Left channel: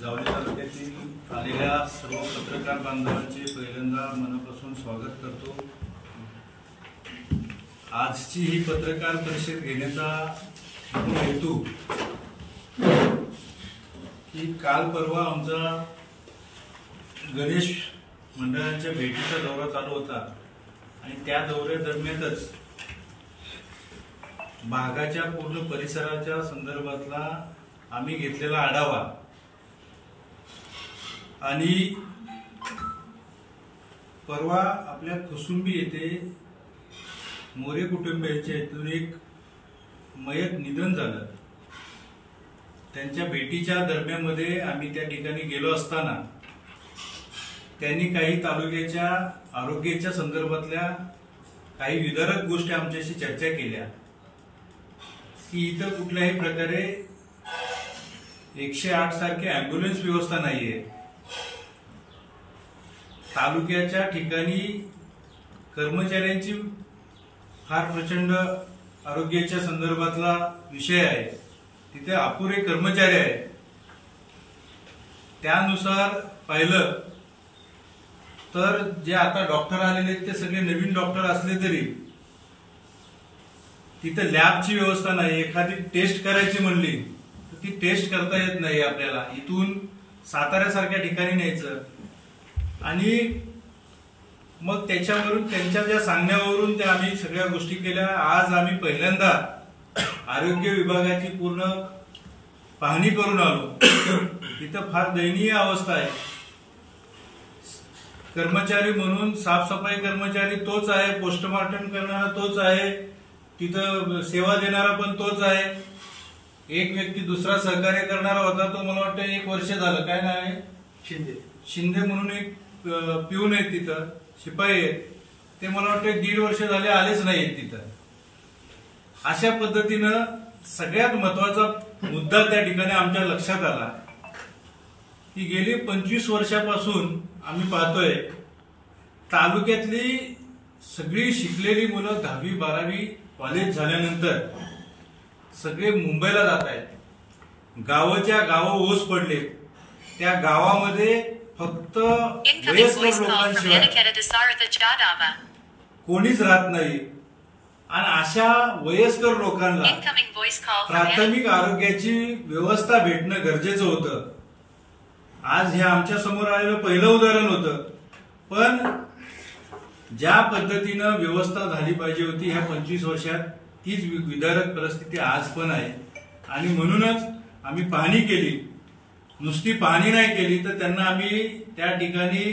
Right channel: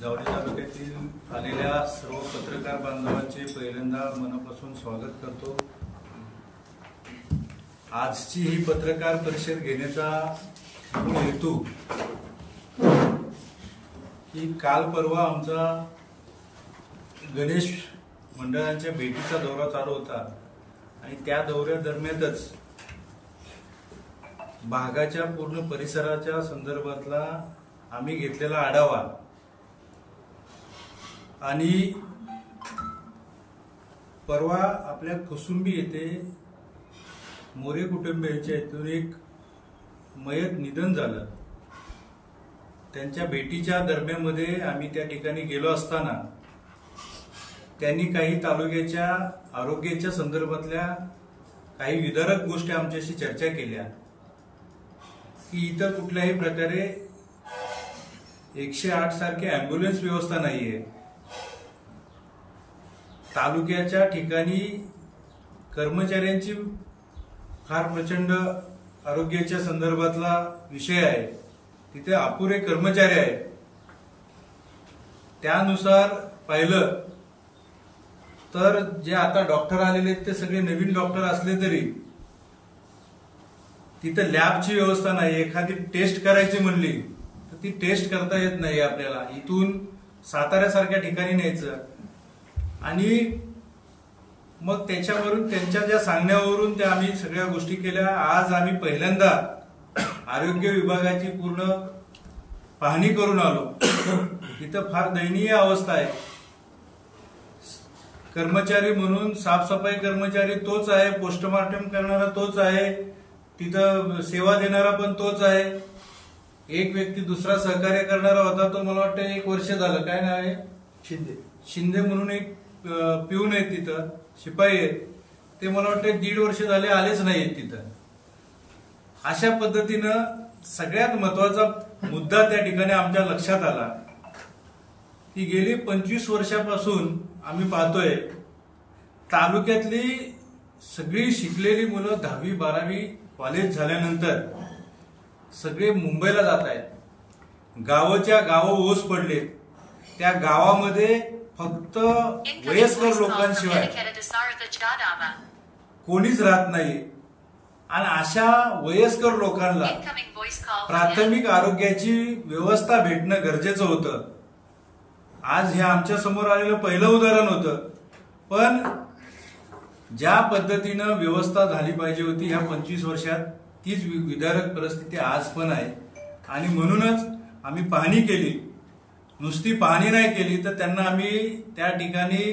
जावली तालुक्यातील आलेल्या सर्व पत्रकार बांधवांचे पहिल्यांदा मनापासून स्वागत करतो। आजची ही पत्रकार परिषद घेण्याचा हेतू की काल परवा आमचा गणेश मंडळांच्या भेटीचा दौरा चालू होता आणि त्या दौऱ्यादरम्यानच भागाच्या पूर्ण परिसराच्या संदर्भातला आम्ही घेतलेला आढावा आणि परवा आपल्या कुसुंबी येथे मोरे कुटुंबियांच्या इथून एक मयत निधन झालं। त्यांच्या भेटीच्या दरम्यानमध्ये आम्ही त्या ठिकाणी गेलो असताना त्यांनी काही तालुक्याच्या आरोग्याच्या संदर्भातल्या काही विदारक गोष्टी आमच्याशी चर्चा केल्या की इथं कुठल्याही प्रकारे 108 सारखी ॲम्ब्युलन्स व्यवस्था नाहीये। तालुक्याच्या ठिकाणी कर्मचाऱ्यांची फार प्रचंड आरोग्याच्या संदर्भातला विषय आहे, तिथे अपुरे कर्मचारी आहेत। त्यानुसार पाहिलं तर जे आता डॉक्टर आलेले ते सगळे नवीन डॉक्टर असले तरी तिथे लॅबची व्यवस्था नाही। एखादी टेस्ट करायची म्हणली तर ती टेस्ट करता येत नाही आपल्याला। इथून साताऱ्यासारख्या ठिकाणी न्यायचं आणि मग त्याच्यावरून त्यांच्या ज्या सांगण्यावरून त्या आम्ही सगळ्या गोष्टी केल्या। आज आम्ही पहिल्यांदा आरोग्य विभागाची पूर्ण पाहणी करून आलो। तिथं फार दयनीय अवस्था आहे। कर्मचारी म्हणून साफसफाई कर्मचारी तोच आहे, पोस्टमार्टम करणारा तोच आहे, तिथं सेवा देणारा पण तोच आहे। एक व्यक्ती दुसरा सहकार्य करणारा होता तो मला वाटतं 1 वर्ष झालं, काय नाव आहे, शिंदे म्हणून एक पिऊन आहेत तिथं, शिपाई आहेत, ते मला वाटतं 1.5 वर्ष झाले आलेच नाहीत तिथं। अशा पद्धतीनं सगळ्यात महत्वाचा मुद्दा त्या ठिकाणी आमच्या लक्षात आला की गेली 25 वर्षापासून आम्ही पाहतोय तालुक्यातली सगळी शिकलेली मुलं 10वी 12वी कॉलेज झाल्यानंतर सगळे मुंबईला जात आहेत। गावाच्या गाव ओस पडले, त्या गावामध्ये फक्त वयस्कर लोकांशिवाय कोणीच राहत नाही आणि अशा वयस्कर लोकांना प्राथमिक आरोग्याची व्यवस्था भेटणं गरजेचं होतं। आज हे आमच्या समोर आलेलं पहिलं उदाहरण होतं, पण ज्या पद्धतीनं व्यवस्था झाली पाहिजे होती ह्या 25 वर्षात तीच विदारक परिस्थिती आज पण आहे। आणि म्हणूनच आम्ही पाहणी केली, नुसती पाहणी नाही केली तर त्यांना आम्ही त्या ठिकाणी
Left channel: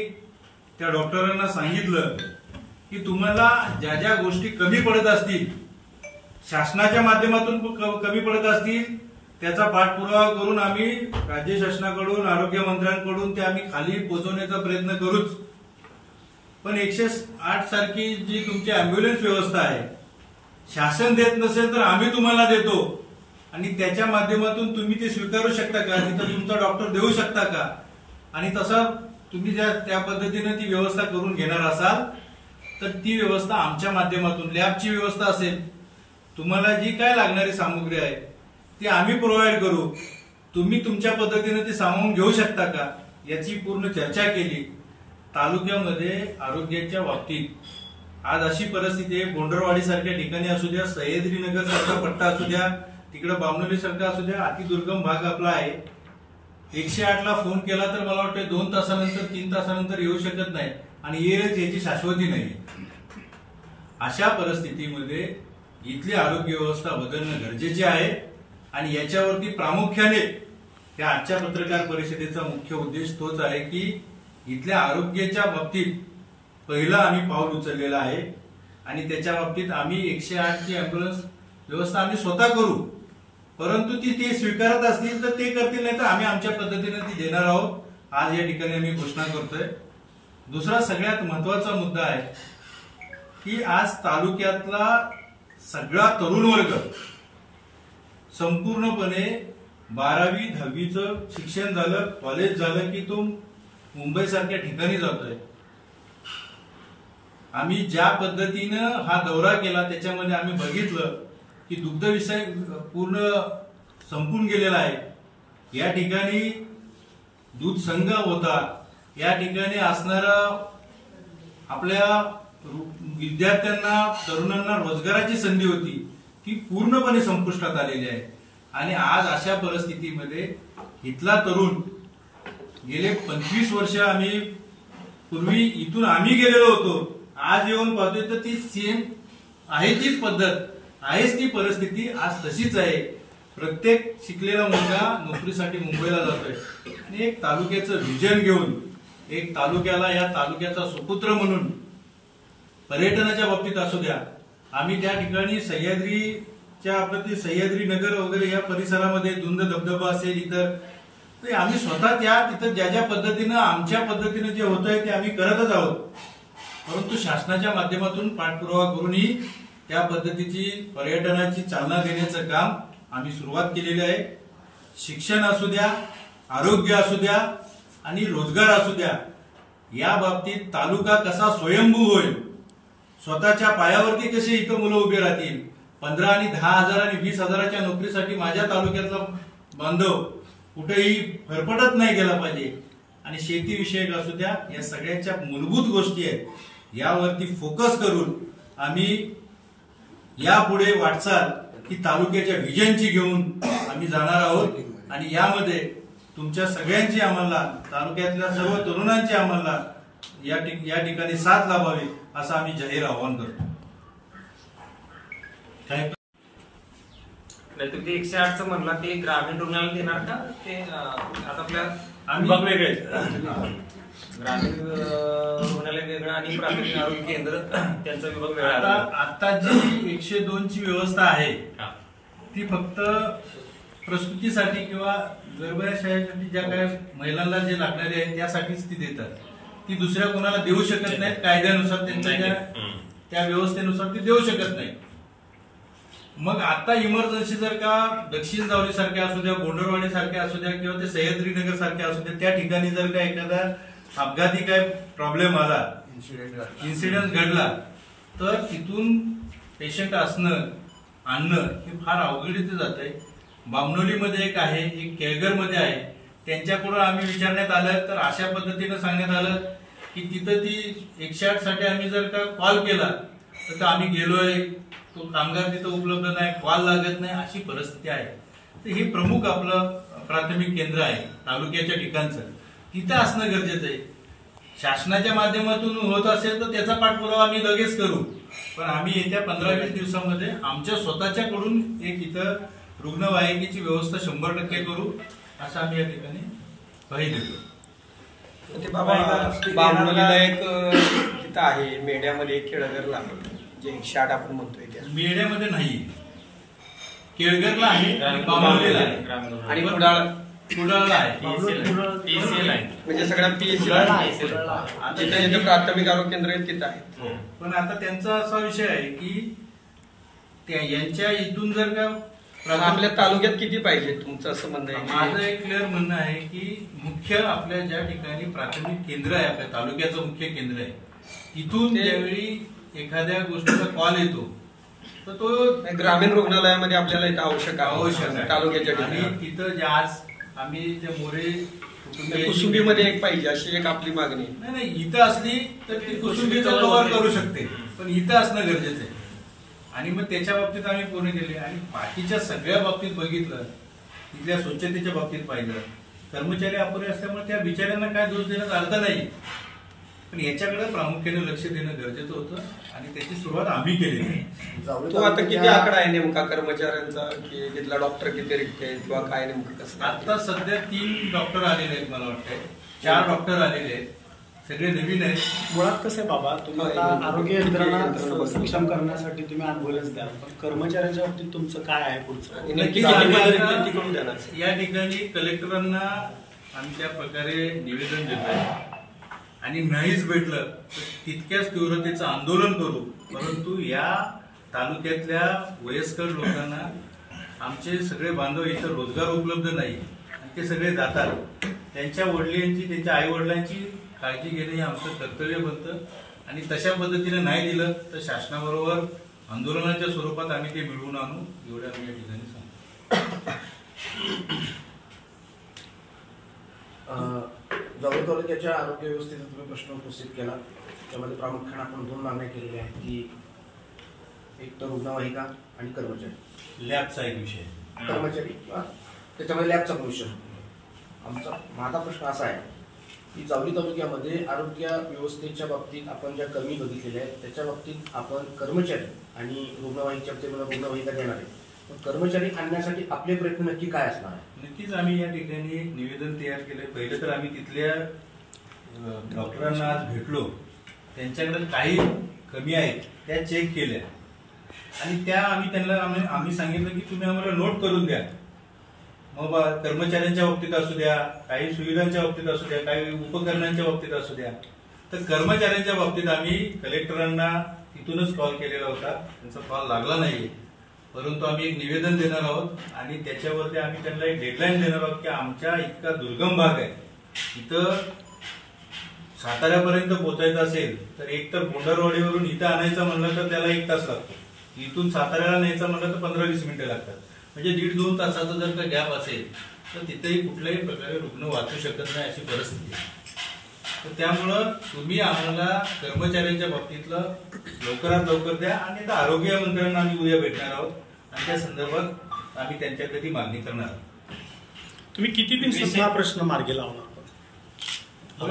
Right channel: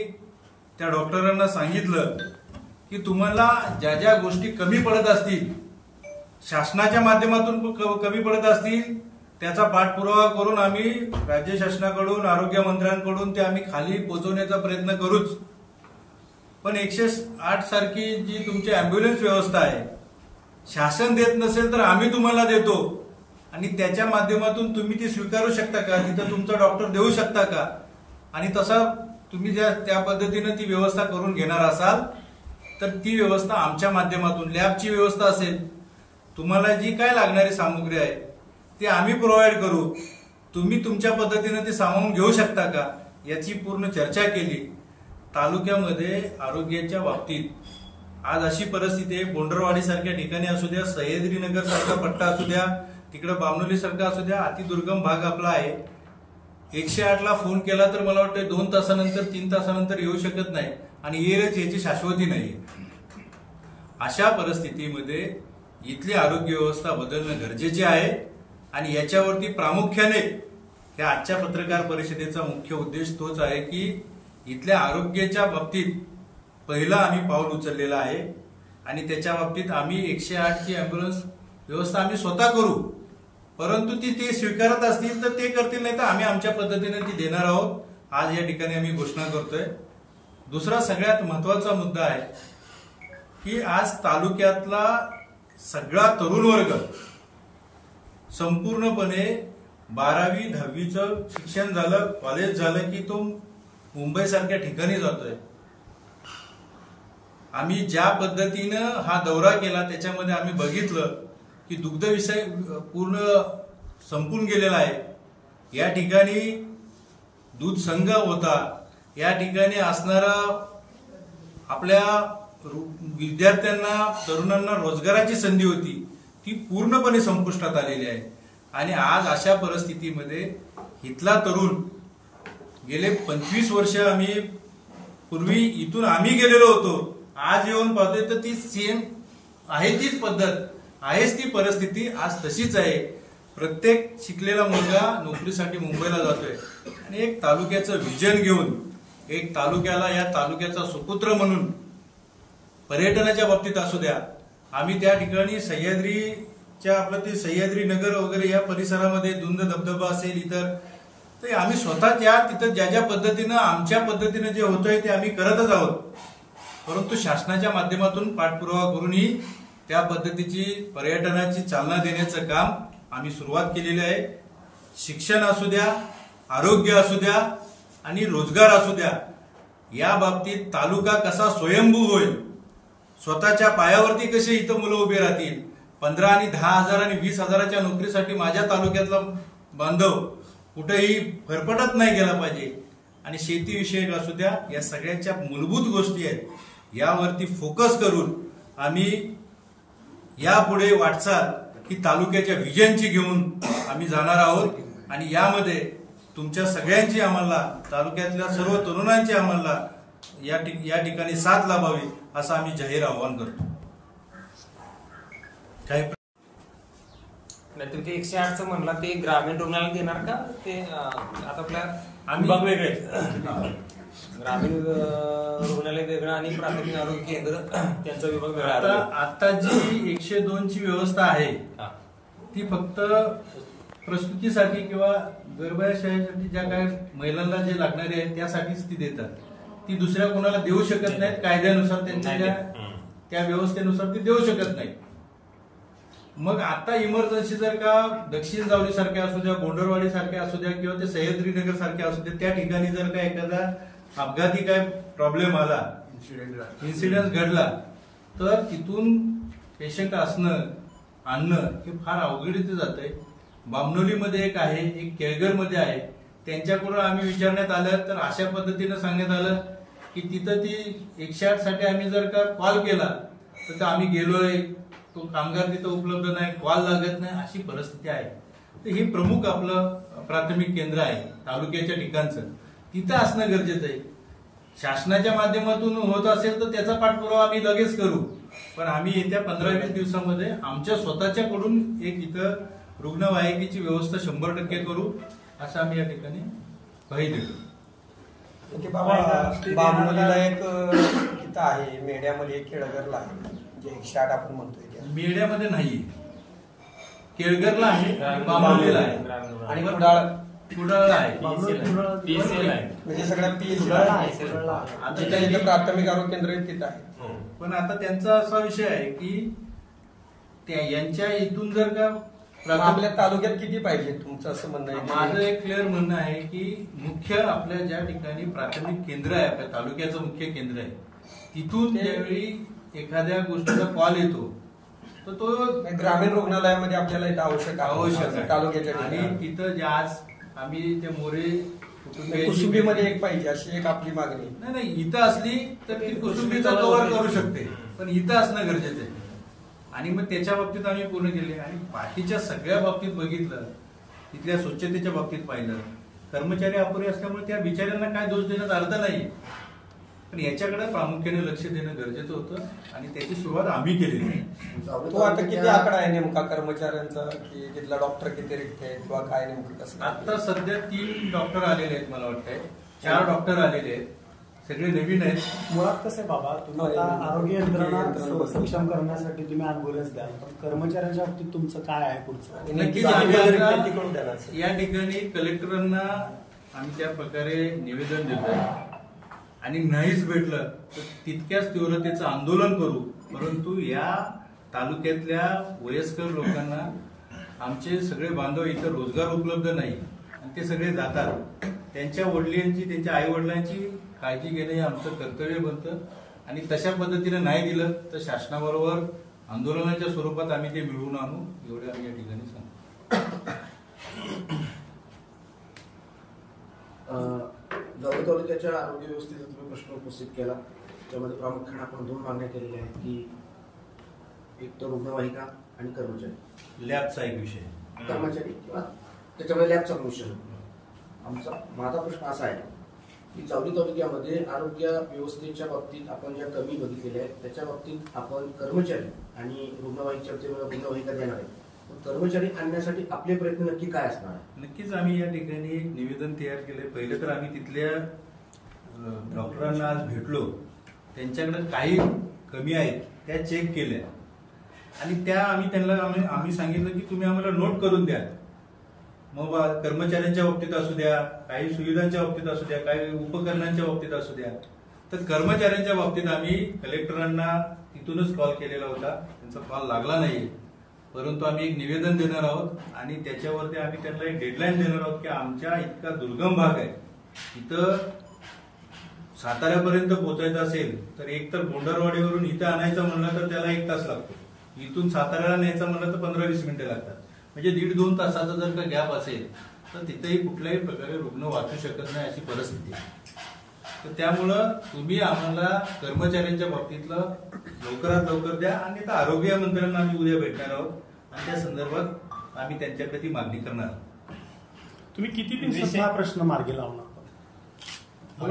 त्या डॉक्टरांना सांगितलं की तुम्हाला ज्या ज्या गोष्टी कमी पडत असतील, शासनाच्या माध्यमातून कमी पडत असतील, त्याचा पाठपुरावा करून आम्ही राज्य शासनाकडून आरोग्य मंत्र्यांकडून ते आम्ही खाली पोहोचवण्याचा प्रयत्न करूच। पण 108 सारखी जी तुमची ॲम्ब्युलन्स व्यवस्था आहे, शासन देत नसेल तर आम्ही तुम्हाला देतो आणि त्याच्या माध्यमातून तुम्ही ती स्वीकारू शकता का, तिथं तुमचा डॉक्टर देऊ शकता का, आणि तसा तुम्ही त्या पद्धतीनं ती व्यवस्था करून घेणार असाल तर ती व्यवस्था आमच्या माध्यमातून, लॅबची व्यवस्था असेल, तुम्हाला जी काय लागणारी सामुग्री आहे ती आम्ही प्रोव्हाइड करू, तुम्ही तुमच्या पद्धतीने ती सामावून घेऊ शकता का, याची पूर्ण चर्चा केली। तालुक्यामध्ये आरोग्याच्या बाबतीत आज अशी परिस्थिती आहे, बोंडरवाडी सारख्या ठिकाणी असू द्या, सह्याद्रीनगर सारखा पट्टा असू द्या, तिकडे बामनोली सारखा असू द्या, अतिदुर्गम भाग आपला आहे। 108ला फोन केला तर मला वाटतं 2 तासानंतर 3 तासानंतर येऊ शकत नाही आणि येईलच याची शाश्वती नाही। अशा परिस्थितीमध्ये इथली आरोग्य व्यवस्था बदलणं गरजेचे आहे आणि याच्यावरती प्रामुख्याने या आजच्या पत्रकार परिषदेचा मुख्य उद्देश तोच आहे की इथल्या आरोग्याच्या बाबतीत पहिला आम्ही पाऊल उचललेला आहे आणि त्याच्या बाबतीत आम्ही 108 ची ॲम्ब्युलन्स व्यवस्था आम्ही स्वतः करू, परंतु ते स्वीकारत असतील तर ते करतील, नाही तर आम्ही आमच्या पद्धतीने ती देणार आहोत। आज या ठिकाणी आम्ही घोषणा करतोय। दुसरा सगळ्यात महत्वाचा मुद्दा आहे की आज तालुक्यातला सगळा तरुण वर्ग संपूर्णपणे 12वी 10वीचं शिक्षण झालं, कॉलेज झालं की तो मुंबई सारख्या ठिकाणी जातोय। आम्ही ज्या पद्धतीनं हा दौरा केला त्याच्यामध्ये आम्ही बघितलं की दुग्ध विषय पूर्ण संपून गेलेला आहे। या ठिकाणी दूध संघ होता, या ठिकाणी असणारा आपल्या विद्यार्थ्यांना तरुणांना रोजगाराची संधी होती ती पूर्णपणे संपुष्टात आलेली आहे। आणि आज अशा परिस्थितीमध्ये इथला तरुण गेले 25 वर्ष आम्ही पूर्वी इथून आम्ही गेलेलो होतो, आज येऊन पाहतोय तर ती सेम आहे, तीच पद्धत आहेच, ती परिस्थिती आज तशीच आहे। प्रत्येक शिकलेला मुलगा नोकरीसाठी मुंबईला जातोय आणि एक तालुक्याचं विजन घेऊन, एक तालुक्याला या तालुक्याचा सुपुत्र म्हणून पर्यटनाच्या बाबतीत असू द्या, आम्ही त्या ठिकाणी सह्याद्रीच्या आपलं सह्याद्री नगर वगैरे या परिसरामध्ये धुंद धबधबा असेल इतर, तर आम्ही स्वतः तिथं ज्या ज्या पद्धतीनं आमच्या पद्धतीनं जे होतंय ते आम्ही करतच आहोत। परंतु शासनाच्या माध्यमातून पाठपुरावा करूनही त्या पद्धतीची पर्यटनाची चालना देण्याचं काम आम्ही सुरुवात केलेली आहे। शिक्षण असू द्या, आरोग्य असू द्या आणि रोजगार असू द्या, या बाबतीत तालुका कसा स्वयंभू होईल, स्वतःच्या पायावरती कशी इथं मुलं उभे राहतील, 15 आणि 10,000 आणि 20,000च्या नोकरीसाठी माझ्या तालुक्यातला बांधव कुठेही फरफटत नाही गेला पाहिजे। आणि शेतीविषयक असू द्या, या सगळ्यांच्या मूलभूत गोष्टी आहेत, यावरती फोकस करून आम्ही यापुढे वाटचाल ही तालुक्याच्या व्हिजनची घेऊन आम्ही जाणार आहोत। आणि यामध्ये तुमच्या सगळ्यांची आम्हाला, तालुक्यातल्या सर्व तरुणांची आम्हाला या ठिकाणी साथ लाभावी असं आम्ही जाहीर आवाहन करतो। काय नाहीतर ते 108चं म्हणला ते ग्रामीण रुग्णालय देणार का? ते आता आपल्या आम्ही वेगळे ग्रामीण रुग्णालय वेगळं आणि प्राथमिक आरोग्य केंद्र त्यांचा विभाग वेगळा। आता जी 102 ची व्यवस्था आहे ती फक्त प्रसूतीसाठी किंवा गर्भाशयासाठी ज्या काय महिलांना जे लागणारे आहे त्यासाठीच ती देतात, ती दुसऱ्या कोणाला देऊ शकत नाहीत। कायद्यानुसार त्यांच्या त्या व्यवस्थेनुसार ती देऊ शकत नाही। मग आता इमर्जन्सी जर का दक्षिण जावली सारख्या असू द्या, बोंडरवाडी सारख्या असू द्या किंवा ते सह्याद्रीनगर सारख्या असू द्या, त्या ठिकाणी जर का एखादा अपघाती काय प्रॉब्लेम आला, इन्सिडेंट घडला, तर तिथून पेशंट आणणं हे फार अवघडीचं जातंय। बामणोलीमध्ये एक आहे, एक केळघरमध्ये आहे, त्यांच्याकडून आम्ही विचारण्यात आलं तर अशा पद्धतीनं सांगण्यात आलं की तिथं ती 108 साठी आम्ही जर का कॉल केला तर आम्ही गेलोय, तो कामगार तिथं उपलब्ध नाही, कॉल लागत नाही, अशी परिस्थिती आहे। तर हे प्रमुख आपलं प्राथमिक केंद्र आहे तालुक्याच्या ठिकाणचं, तिथं असणं गरजेचं आहे। शासनाच्या माध्यमातून होत असेल तर त्याचा पाठपुरावा आम्ही लगेच करू, पण आम्ही येत्या 15-20 दिवसामध्ये आमच्या स्वतःच्याकडून एक इथं रुग्णवाहिकेची व्यवस्था 100% करू असं आम्ही या ठिकाणी ग्वाही देतो। ते बाबा बामणोलीला एक तिथं आहे, मेढ्यामध्ये एक केळघरला आहे, जे 108 आपण म्हणतोय त्या मेढ्यामध्ये नाही, केळघरला आहे आणि बामणोलीला आहे आणि कुडाळला आहे, म्हणजे सगळ्या PSC जिथे प्राथमिक आरोग्य केंद्र आहे तिथं आहे। पण आता त्यांचा असा विषय आहे की यांच्या इथून जर का आपल्या तालुक्यात किती पाहिजे तुमचं असं म्हणणं आहे? माझं एक क्लिअर म्हणणं आहे की मुख्य आपल्या ज्या ठिकाणी प्राथमिक केंद्र आहे, आपल्या तालुक्याचं मुख्य केंद्र आहे, तिथून ज्यावेळी एखाद्या गोष्टीचा कॉल येतो तर तो ग्रामीण रुग्णालयामध्ये आपल्याला इथं आवश्यक आहे तालुक्याच्या ठिकाणी। आणि तिथं जे आज आम्ही त्या मोरे कुसुंबीमध्ये एक पाहिजे अशी एक आपली मागणी। नाही, इथं असली तर ती कुसुंबीचं कव्हर करू शकते, पण इथं असणं गरजेचं आहे। आणि मग त्याच्या बाबतीत आम्ही पूर्ण केले आणि बाकीच्या सगळ्या बाबतीत बघितलं, तिथल्या स्वच्छतेच्या बाबतीत पाहिलं, कर्मचारी अपुरे असल्यामुळे त्या बिचाऱ्यांना काय दोष देण्याचा अर्थ नाही, पण याच्याकडे प्रामुख्याने लक्ष देणं गरजेचं होतं आणि त्याची सुरुवात आम्ही केलेली आहे। तो आता किती आकडा आहे नेमका कर्मचाऱ्यांचा, की तिथला डॉक्टर किती रिक्त आहेत किंवा काय नेमकं कसं? आता सध्या 3 डॉक्टर आलेले आहेत, मला वाटतंय 4 डॉक्टर आलेले आहेत, सगळे नवीन आहेत। मुळात कसं आहे बाबा, तुम्ही आता आरोग्य यंत्रणा सक्षम करण्यासाठी तुम्ही ॲम्ब्युलन्स द्या, पण कर्मचाऱ्यांच्या बाबतीत तुमचं काय आहे पुढचं? या ठिकाणी कलेक्टरांना आम्ही त्या प्रकारे निवेदन देतोय आणि नाहीच भेटलं तर तितक्याच तीव्रतेचं आंदोलन करू, परंतु या तालुक्यातल्या वयस्कर लोकांना आमचे सगळे बांधव इथं रोजगार उपलब्ध नाही आणि ते सगळे जातात, त्यांच्या वडिलांची, त्यांच्या आई वडिलांची काळजी घेणं हे आमचं कर्तव्य बनतं आणि तशा पद्धतीने नाही दिलं तर शासनाबरोबर आंदोलनाच्या स्वरूपात आम्ही ते मिळवून आणू, एवढे आम्ही या ठिकाणी सांगतो। जावळी तालुक्याच्या आरोग्य व्यवस्थेचा तुम्ही प्रश्न उपस्थित केला. त्यामध्ये प्रामुख्याने आपण 2 मागण्या केलेल्या आहेत की एक तर रुग्णवाहिका आणि कर्मचारी. लॅबचा एक विषय, कर्मचारी किंवा त्याच्यामध्ये लॅबचा विषय. माझा प्रश्न असा आहे की जावळी तालुक्यामध्ये आरोग्य व्यवस्थेच्या बाबतीत आपण ज्या कमी बघितलेल्या आहेत त्याच्या बाबतीत आपण कर्मचारी आणि रुग्णवाहिकेच्या बाबतीत रुग्णवाहिका देणार आहे, पण कर्मचारी आणण्यासाठी आपले प्रयत्न नक्की काय असणार आहे? नक्कीच आम्ही या ठिकाणी निवेदन तयार केले. पहिले तर आम्ही तिथल्या डॉक्टरांना आज भेटलो, त्यांच्याकडे काही कमी आहेत त्या चेक केल्या आणि त्या आम्ही सांगितलं की तुम्ही आम्हाला नोट करून द्या. मग कर्मचाऱ्यांच्या बाबतीत असू द्या, काही सुविधांच्या बाबतीत असू द्या, काही उपकरणांच्या बाबतीत असू द्या. तर कर्मचाऱ्यांच्या बाबतीत आम्ही कलेक्टरांना तिथूनच कॉल केलेला होता, त्यांचा कॉल लागला नाही. परंतु आम्ही एक निवेदन देणार आहोत आणि त्याच्यावरती आम्ही त्यांना एक डेडलाईन देणार आहोत की आमच्या इतका दुर्गम भाग आहे, इथं साताऱ्यापर्यंत पोहोचायचं असेल तर एक तर बोंडरवाडीवरून इथं आणायचं म्हणलं तर त्याला 1 तास लागतो, इथून साताऱ्याला न्यायचं म्हणलं तर 15-20 मिनिटं लागतात. म्हणजे 1.5-2 तासाचा जर का गॅप असेल तर तिथेही कुठल्याही प्रकारे रुग्ण वाचू शकत नाही अशी परिस्थिती आहे. तर त्यामुळं तुम्ही आम्हाला कर्मचाऱ्यांच्या बाबतीतलं लवकरात लवकर द्या आणि त्या आरोग्य मंत्र्यांना आम्ही उद्या भेटणार आहोत आणि त्या संदर्भात आम्ही त्यांच्याकडे ती मागणी करणार आहोत. तुम्ही किती दिवसात हा प्रश्न मार्गी लावणार?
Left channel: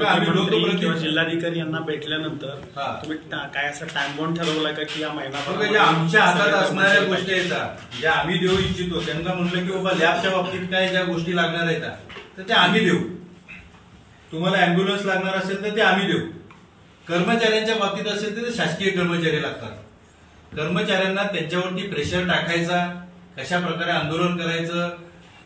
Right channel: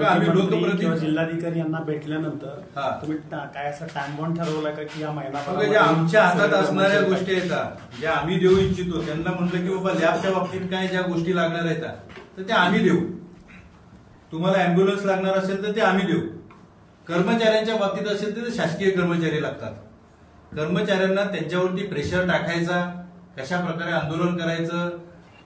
आम्ही लोकप्रतिनिधी जिल्हाधिकारी यांना भेटल्यानंतर तुम्ही काय असं टाइम बॉन्ड ठरवलाय का की या महिना ज्या आमच्या हातात असणाऱ्या गोष्टी आहेत ज्या आम्ही देऊ इच्छितो, त्यांना म्हटलं की बाबा लॅबच्या बाबतीत काय ज्या गोष्टी लागणार आहेत तर त्या आम्ही देऊ. तुम्हाला अँब्युलन्स लागणार असेल तर ते आम्ही देऊ. कर्मचाऱ्यांच्या बाबतीत असेल तर शासकीय कर्मचारी लागतात. कर्मचाऱ्यांना त्यांच्यावरती प्रेशर टाकायचा, कशा प्रकारे आंदोलन करायचं,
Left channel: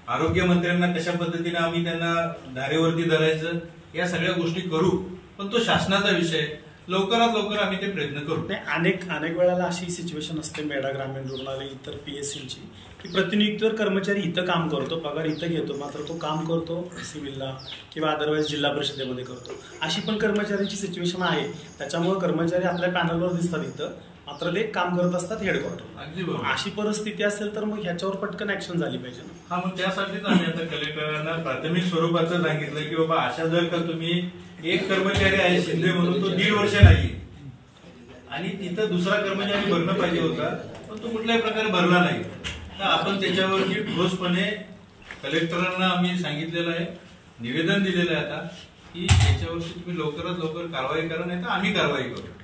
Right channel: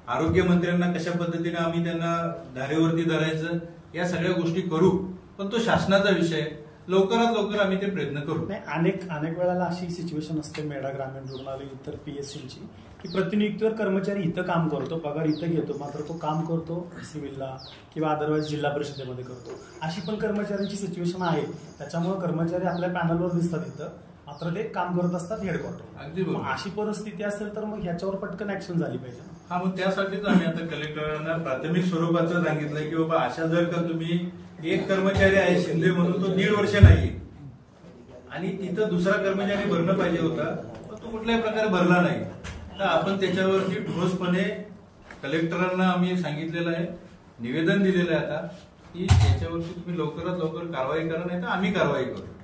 आरोग्य मंत्र्यांना कशा पद्धतीने आम्ही त्यांना धारेवरती धरायचं, या सगळ्या गोष्टी करू. पण तो शासनाचा विषय, लवकरात लवकर आम्ही ते प्रयत्न करू. अनेक वेळेला अशी सिच्युएशन असते मेढा ग्रामीण रुग्णालय इतर PSCची की प्रतिनियुक्तीवर कर्मचारी इथं काम करतो, पगार इथं घेतो, मात्र तो काम करतो सिव्हिलला किंवा अदरवाईज जिल्हा परिषदेमध्ये करतो. अशी पण कर्मचाऱ्यांची सिच्युएशन आहे. त्याच्यामुळे कर्मचारी आपल्या पॅनलवर दिसतात इथं, मात्र ते काम करत असतात हेडक्वार्टर. अगदी बरोबर. अशी परिस्थिती असेल तर मग ह्याच्यावर पटकन ऍक्शन झाली पाहिजे. हा, मग त्यासाठीच आम्ही आता कलेक्टरांना प्राथमिक स्वरूपाचं सांगितलंय की बाबा अशा जर का तुम्ही एक कर्मचारी आहे शिंदे म्हणून, तो 1.5 वर्ष नाही आणि तिथं दुसरा कर्मचारी भरणं पाहिजे होता, पण तो कुठल्याही प्रकारे भरला नाही. तर आपण त्याच्यावरती ठोसपणे कलेक्टरांना आम्ही सांगितलेलं आहे, निवेदन दिलेलं आहे आता की त्याच्यावरती तुम्ही लवकरात लवकर कारवाई करा, नाही तर आम्ही कारवाई करू.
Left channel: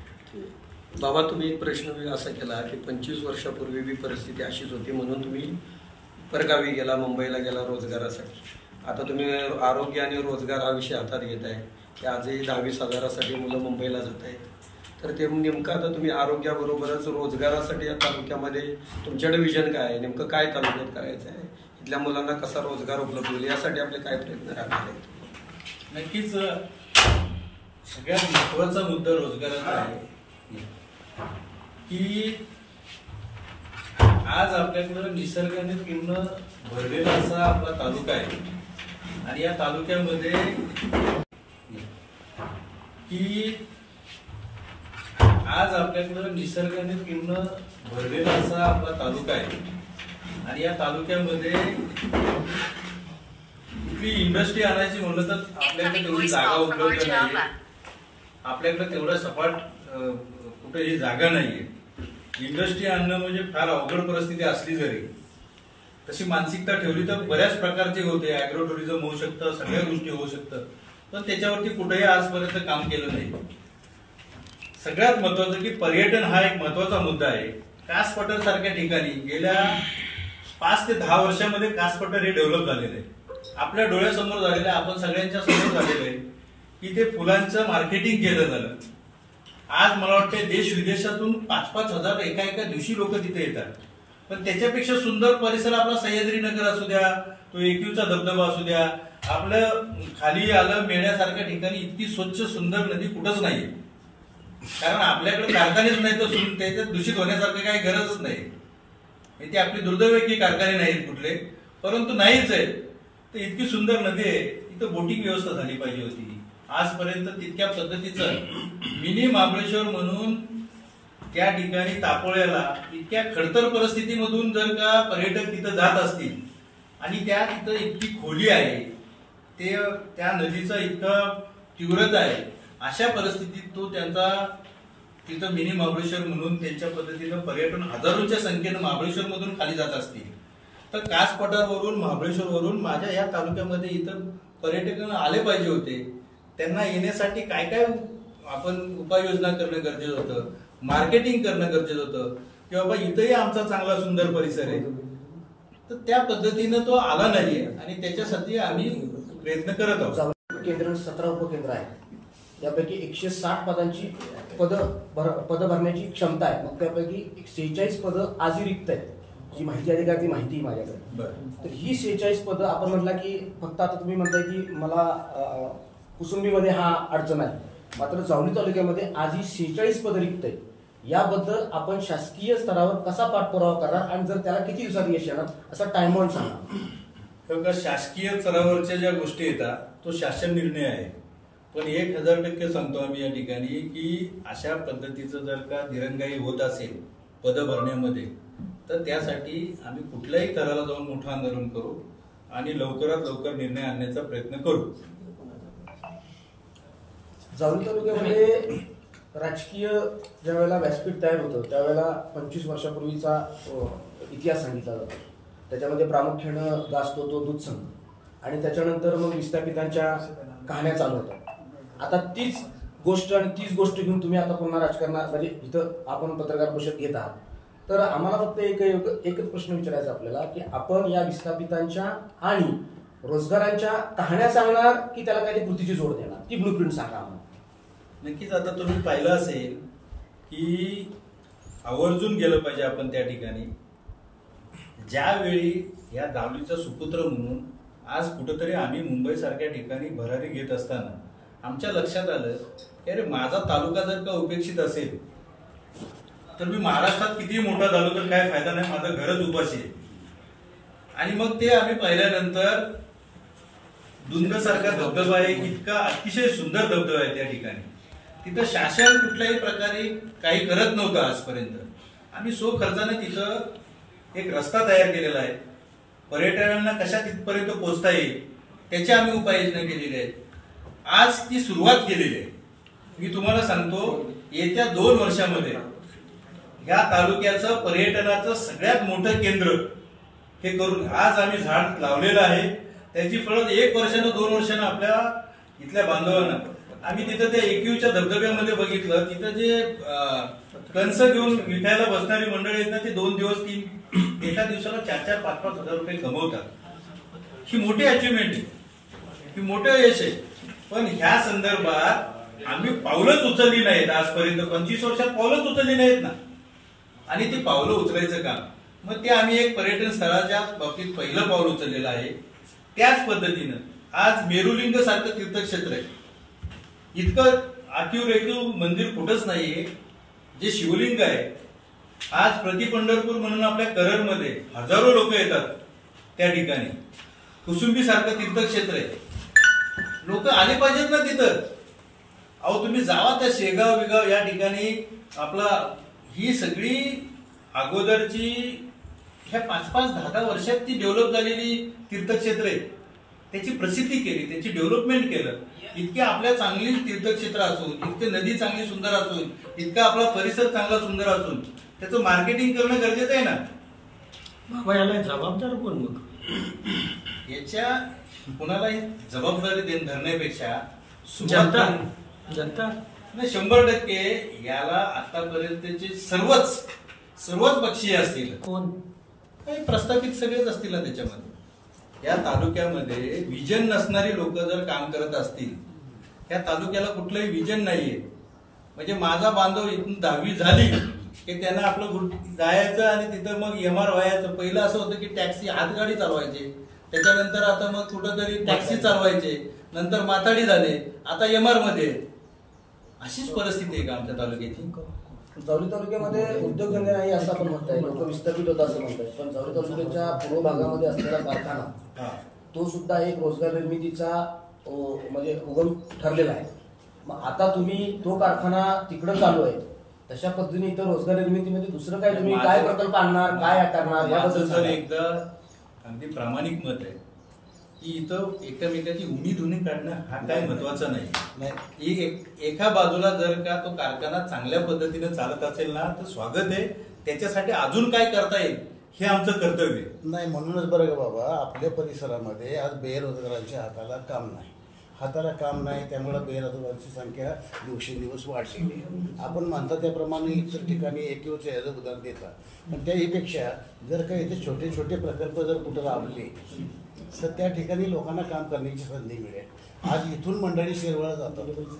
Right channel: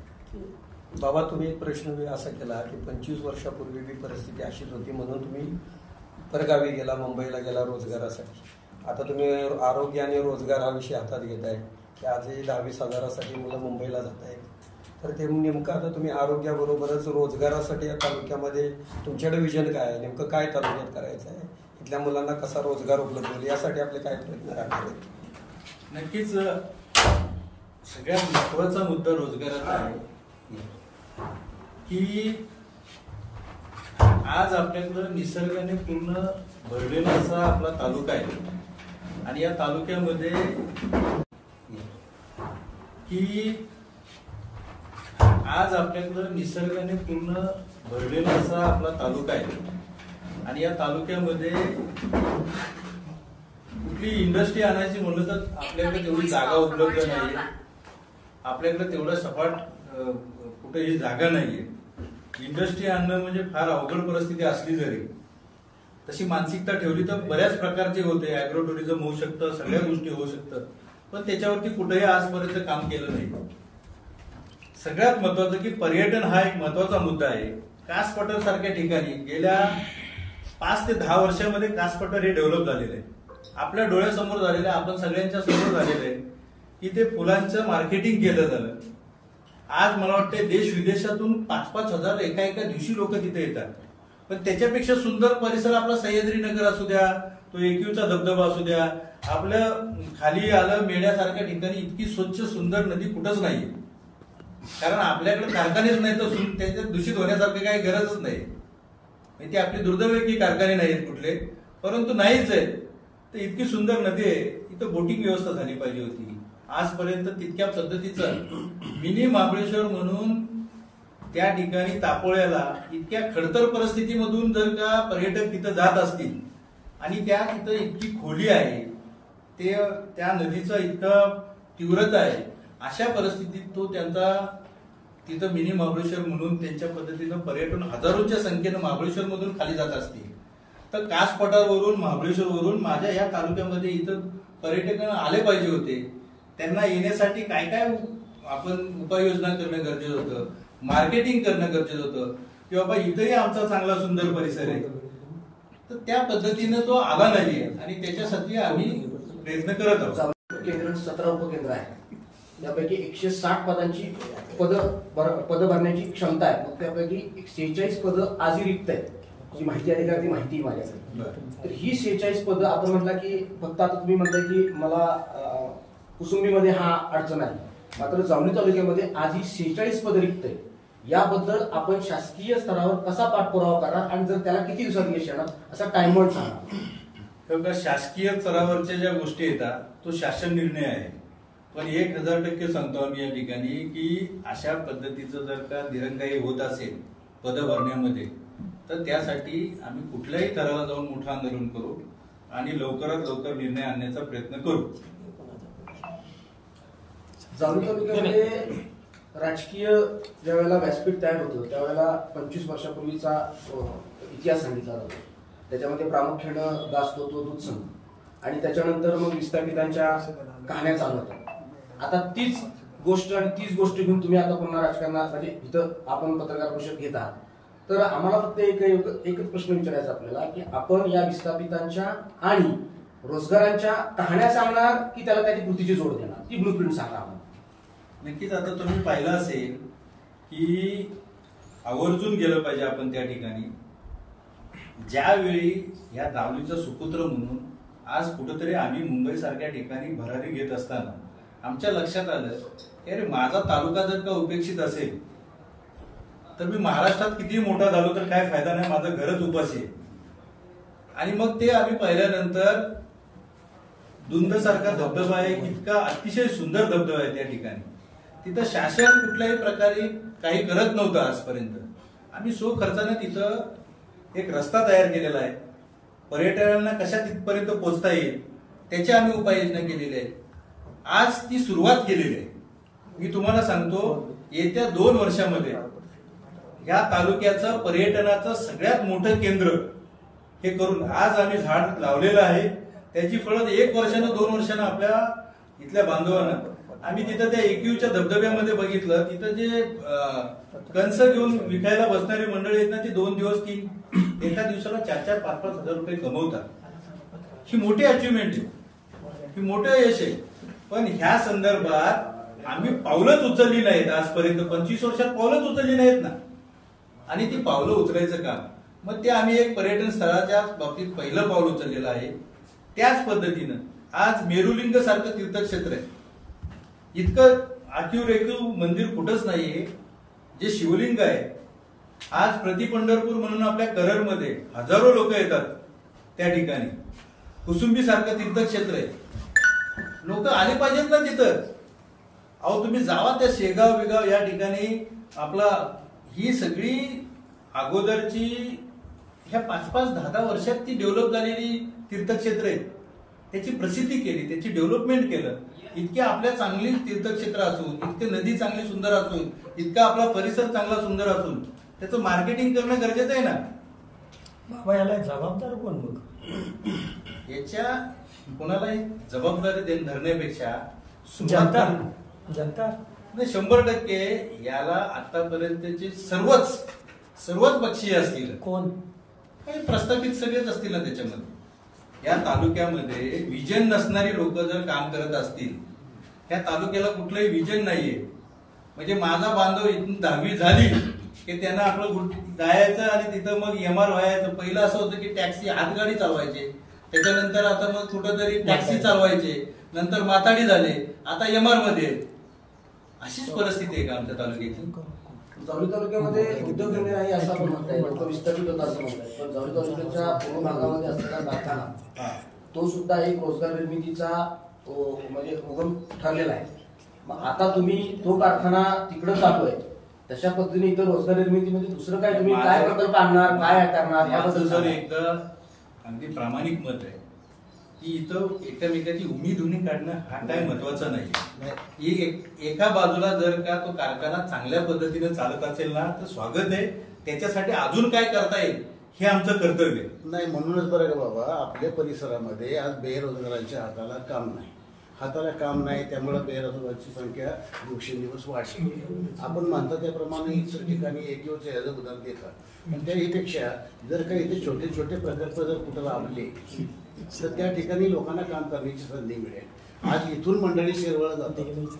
बाबा, तुम्ही एक प्रश्न असा केला की 25 वर्षापूर्वी बी परिस्थिती अशीच होती म्हणून तुम्ही परगावी गेला, मुंबईला गेला रोजगारासाठी. आता तुम्ही आरोग्य आणि रोजगार हा विषय हातात घेताय की आजही 10-20 मुलं मुंबईला जात आहेत. तर ते नेमकं आता तुम्ही आरोग्याबरोबरच रोजगारासाठी या तालुक्यामध्ये तुमच्याकडे विजन काय आहे, नेमकं काय तालुक्यात करायचं आहे, इथल्या मुलांना कसा रोजगार उपलब्ध होईल यासाठी आपले काय प्रयत्न राहणार आहेत? नक्कीच सगळ्यात महत्वाचा मुद्दा रोजगाराचा आहे की आज आपल्याकडं निसर्गाने पूर्ण भरलेला असा आपला तालुका आहे आणि या तालुक्यामध्ये आज आपल्याकडं निसर्गाने पूर्ण भरलेला असा आपला तालुका आहे आणि या तालुक्यामध्ये कुठली इंडस्ट्री आणायची म्हणलं तर आपल्याकडे तेवढी जागा उपलब्ध नाहीये, आपल्याकडे तेवढा सपाट कुठेही जागा नाहीये. इंडस्ट्री आणणं म्हणजे फार अवघड परिस्थिती असली जरी तशी मानसिकता ठेवली तर बऱ्याच प्रकारचे होते. अॅग्रो टुरिझम होऊ शकतं, सगळ्या गोष्टी होऊ शकतात, पण त्याच्यावरती कुठेही आजपर्यंत काम केलं नाही. सगळ्यात महत्वाचं की पर्यटन हा एक महत्वाचा मुद्दा आहे. कास पठार सारख्या ठिकाणी गेल्या 5 ते 10 वर्षांमध्ये कास पठार हे डेव्हलप झालेलं आहे, आपल्या डोळ्यासमोर झालेलं आहे, आपण सगळ्यांच्या समोर झालेलं आहे की ते फुलांचं मार्केटिंग केलं झालं. आज मला वाटतं देश विदेशातून 5-5 हजार एका दिवशी लोक तिथे येतात. पण त्याच्यापेक्षा सुंदर परिसर आपला सह्याद्री नगर असू द्या, तो एकयूचा धबधबा असू द्या, आपलं खाली आलं मेळ्यासारख्या ठिकाणी इतकी स्वच्छ सुंदर नदी कुठंच नाही. कारण आपल्याकडे कारखानेच नाही तर त्याच्यात दूषित होण्यासारखी काही गरजच नाही. ते आपली दुर्दैव की कारखाने नाहीत कुठले, परंतु नाहीच आहे. तर इतकी सुंदर नदी आहे, इथं बोटिंग व्यवस्था झाली पाहिजे होती. आजपर्यंत तितक्या पद्धतीचं मिनी महाबळेश्वर म्हणून त्या ठिकाणी तापोळ्याला इतक्या खडतर परिस्थितीमधून जर का पर्यटक तिथं जात असतील आणि त्या तिथं इतकी खोली आहे, त्या नदीचा इतका तीव्रता आहे, अशा परिस्थितीत तो त्यांचा तिथं मिनी महाबळेश्वर म्हणून त्यांच्या पद्धतीनं पर्यटन हजारोंच्या संख्येनं महाबळेश्वर मधून खाली जात असतील, तर कास पठारवरून महाबळेश्वरवरून माझ्या या तालुक्यामध्ये इथं पर्यटक आले पाहिजे होते. त्यांना येण्यासाठी काय काय आपण उपाययोजना करणं गरजेचं होतं, मार्केटिंग करणं गरजेचं होतं की बाबा इथंही आमचा चांगला सुंदर परिसर आहे. तर त्या पद्धतीनं तो आला नाहीये आणि त्याच्यासाठी आम्ही प्रयत्न करत आहोत. केंद्र 17 उपकेंद्र आहे, त्यापैकी 160 पदांची पद भरण्याची क्षमता आहे. मग त्यापैकी 46 पदं आजही रिक्त आहेत. जी माहिती अधिकार ती माहिती माझ्याकडे. तर ही 46 पदं आपण म्हटलं की फक्त आता तुम्ही म्हणताय की मला कुसुंबीमध्ये हा अडचण आहे, मात्र जावली तालुक्यामध्ये आजही 46 पदं रिक्त आहेत. याबद्दल आपण शासकीय स्तरावर कसा पाठपुरावा करणार आणि जर त्याला किती दिवसात यश येणार असा टाइम बाउंड सांगा. शासकीय स्तरावरच्या ज्या गोष्टी येतात तो शासन निर्णय आहे, पण 1000% सांगतो आम्ही या ठिकाणी की अशा पद्धतीचं जर का दिरंगाई होत असेल पद भरण्यामध्ये, तर त्यासाठी आम्ही कुठल्याही स्तराला जाऊन मोठं आंदोलन करू आणि लवकरात लवकर निर्णय आणण्याचा प्रयत्न करू. जावली तालुक्यामध्ये राजकीय ज्या वेळेला व्यासपीठ तयार होतं त्यावेळेला 25 वर्षापूर्वीचा इतिहास सांगितला जातो. त्याच्यामध्ये प्रामुख्यानं गाजतो तो दूध संघ आणि त्याच्यानंतर मग विस्थापितांच्या कहाण्या चालू होत्या. आता तीच गोष्ट आणि तीच गोष्ट घेऊन तुम्ही आता पुन्हा राजकारणात म्हणजे इथं आपण पत्रकार परिषद घेत आहात. तर आम्हाला फक्त एकच प्रश्न विचारायचा आपल्याला की आपण या विस्थापितांच्या आणि रोजगारांच्या कहाण्या सांगणार की त्याला काही कृतीची जोड देणार, ती ब्लूप्रिंट सांगा आम्हाला. नक्कीच. आता तुम्ही पाहिलं असेल की आवर्जून गेलं पाहिजे आपण त्या ठिकाणी. ज्यावेळी या दावलीचा सुपुत्र म्हणून आज कुठंतरी आम्ही मुंबई सारख्या ठिकाणी भरारी घेत असताना आमच्या लक्षात आलं की अरे माझा तालुका जर का उपेक्षित असेल तर मी महाराष्ट्रात किती मोठा झालो तर काय फायदा नाही, माझं घरच उपाशी आहे. आणि मग ते आम्ही पाहिल्यानंतर दुंद सारखा धबधबा आहे, इतका अतिशय सुंदर धबधबा आहे त्या ठिकाणी. तिथं शासन कुठल्याही प्रकारे काही करत नव्हतं आजपर्यंत. आम्ही खर्चाने तिथं एक रस्ता तयार केलेला आहे. पर्यटकांना कशा तिथपर्यंत पोहोचता येईल त्याची आम्ही उपाययोजना केलेली आहे. आज ती सुरुवात केलेली आहे. मी तुम्हाला सांगतो येत्या 2 वर्षामध्ये या तालुक्याचं पर्यटनाचं सगळ्यात मोठं केंद्र हे करून आज आम्ही झाड लावलेलं आहे. त्याची फळं 1 वर्षानं 2 वर्षानं आपल्या इथल्या बांधवांना आम्ही तिथं त्या एकयूच्या धबधब्यामध्ये बघितलं. तिथं जे कंस घेऊन विकायला बसणारी मंडळी आहेत ना, ते 2 दिवस 3 एका दिवसाला 4-4, 5-5 हजार रुपये कमवतात. ही मोठी अचिव्हमेंट आहे, ही मोठं यश आहे. पण ह्या संदर्भात आम्ही पावलंच उचलली नाहीत आजपर्यंत. 25 वर्षात पावलंच उचलली नाहीत ना. आणि ती पावलं उचलायचं काम मग ते आम्ही एक पर्यटन स्थळाच्या बाबतीत पहिलं पाऊल उचललेलं आहे. त्याच पद्धतीनं आज मेरुलिंग सारखं तीर्थक्षेत्र आहे. इतकं आखीव मंदिर कुठंच नाहीये. जे शिवलिंग आहे आज प्रति पंढरपूर म्हणून आपल्या करडमध्ये हजारो लोक येतात त्या ठिकाणी. कुसुंबी सारखं तीर्थक्षेत्र आहे. लोक आले पाहिजेत ना तिथं. अहो तुम्ही जावा त्या शेगाव विगाव या ठिकाणी आपला ही सगळी अगोदरची ह्या 5-5, 10-10 वर्षात ती डेव्हलप झालेली तीर्थक्षेत्र आहेत. त्याची प्रसिद्धी केली, त्याची डेव्हलपमेंट केलं. इतके आपल्या चांगली तीर्थक्षेत्र असून, इतके नदी चांगली सुंदर असून, इतका आपला परिसर चांगला सुंदर असून त्याचं मार्केटिंग करणं गरजेचं आहे ना. बाबा याला जबाबदार कोण? मग याच्या कोणालाही जबाबदारी धरण्यापेक्षा जनता नाही 100% याला आतापर्यंतचे सर्वच पक्षीय असतील, कोण काही प्रस्थापित सगळेच असतील ना त्याच्यामध्ये. या तालुक्यामध्ये विजन नसणारी लोक जर काम करत असतील, या तालुक्याला कुठलंही विजन नाहीये. म्हणजे माझा बांधव इथून 10वी झाली की त्यांना आपलं जायचं आणि तिथं मग MR व्हायचं. पहिलं असं होतं की टॅक्सी हातगाडी चालवायचे, त्याच्यानंतर आता मग कुठंतरी टॅक्सी चालवायचे, नंतर माताडी झाले, आता MR मध्ये. अशीच परिस्थिती आहे का आमच्या तालुक्याची? जावली तालुक्यामध्ये उद्योगधंदे नाही असं आपण म्हणताय, लोक विस्थापित होता असं म्हणताय. पण जावली तालुक्याच्या पूर्व भागामध्ये असलेला कारखाना तो सुद्धा एक रोजगार निर्मितीचा म्हणजे उगम ठरलेला आहे. मग आता तुम्ही तो कारखाना तिकडं चालू आहे, तशा पद्धतीने इथं रोजगार निर्मितीमध्ये दुसरं काय तुम्ही काय प्रकल्प आणणार, काय करणार याबद्दल जर एकदा अगदी प्रामाणिक मत आहे की इथं एकमेकाची उमेद होणे काढणं हा काय महत्वाचा नाही. एका बाजूला जर का तो कारखाना चांगल्या पद्धतीने चालत असेल ना तर स्वागत आहे. त्याच्यासाठी अजून काय करता येईल हे आमचं कर्तव्य नाही. म्हणूनच बरं का बाबा, आपल्या परिसरामध्ये आज बेरोजगारांच्या हाताला काम नाही, त्यामुळे बेरोजगारांची संख्या दिवसेंदिवस वाढली. आपण म्हणता त्याप्रमाणे इतर ठिकाणी एकच याचं उदाहरण देतात. पण त्यापेक्षा जर काही इथे छोटे छोटे प्रकल्प जर कुठं लावले तर त्या ठिकाणी लोकांना काम करण्याची संधी मिळेल. आज इथून मंडळी शिरवळा जातात,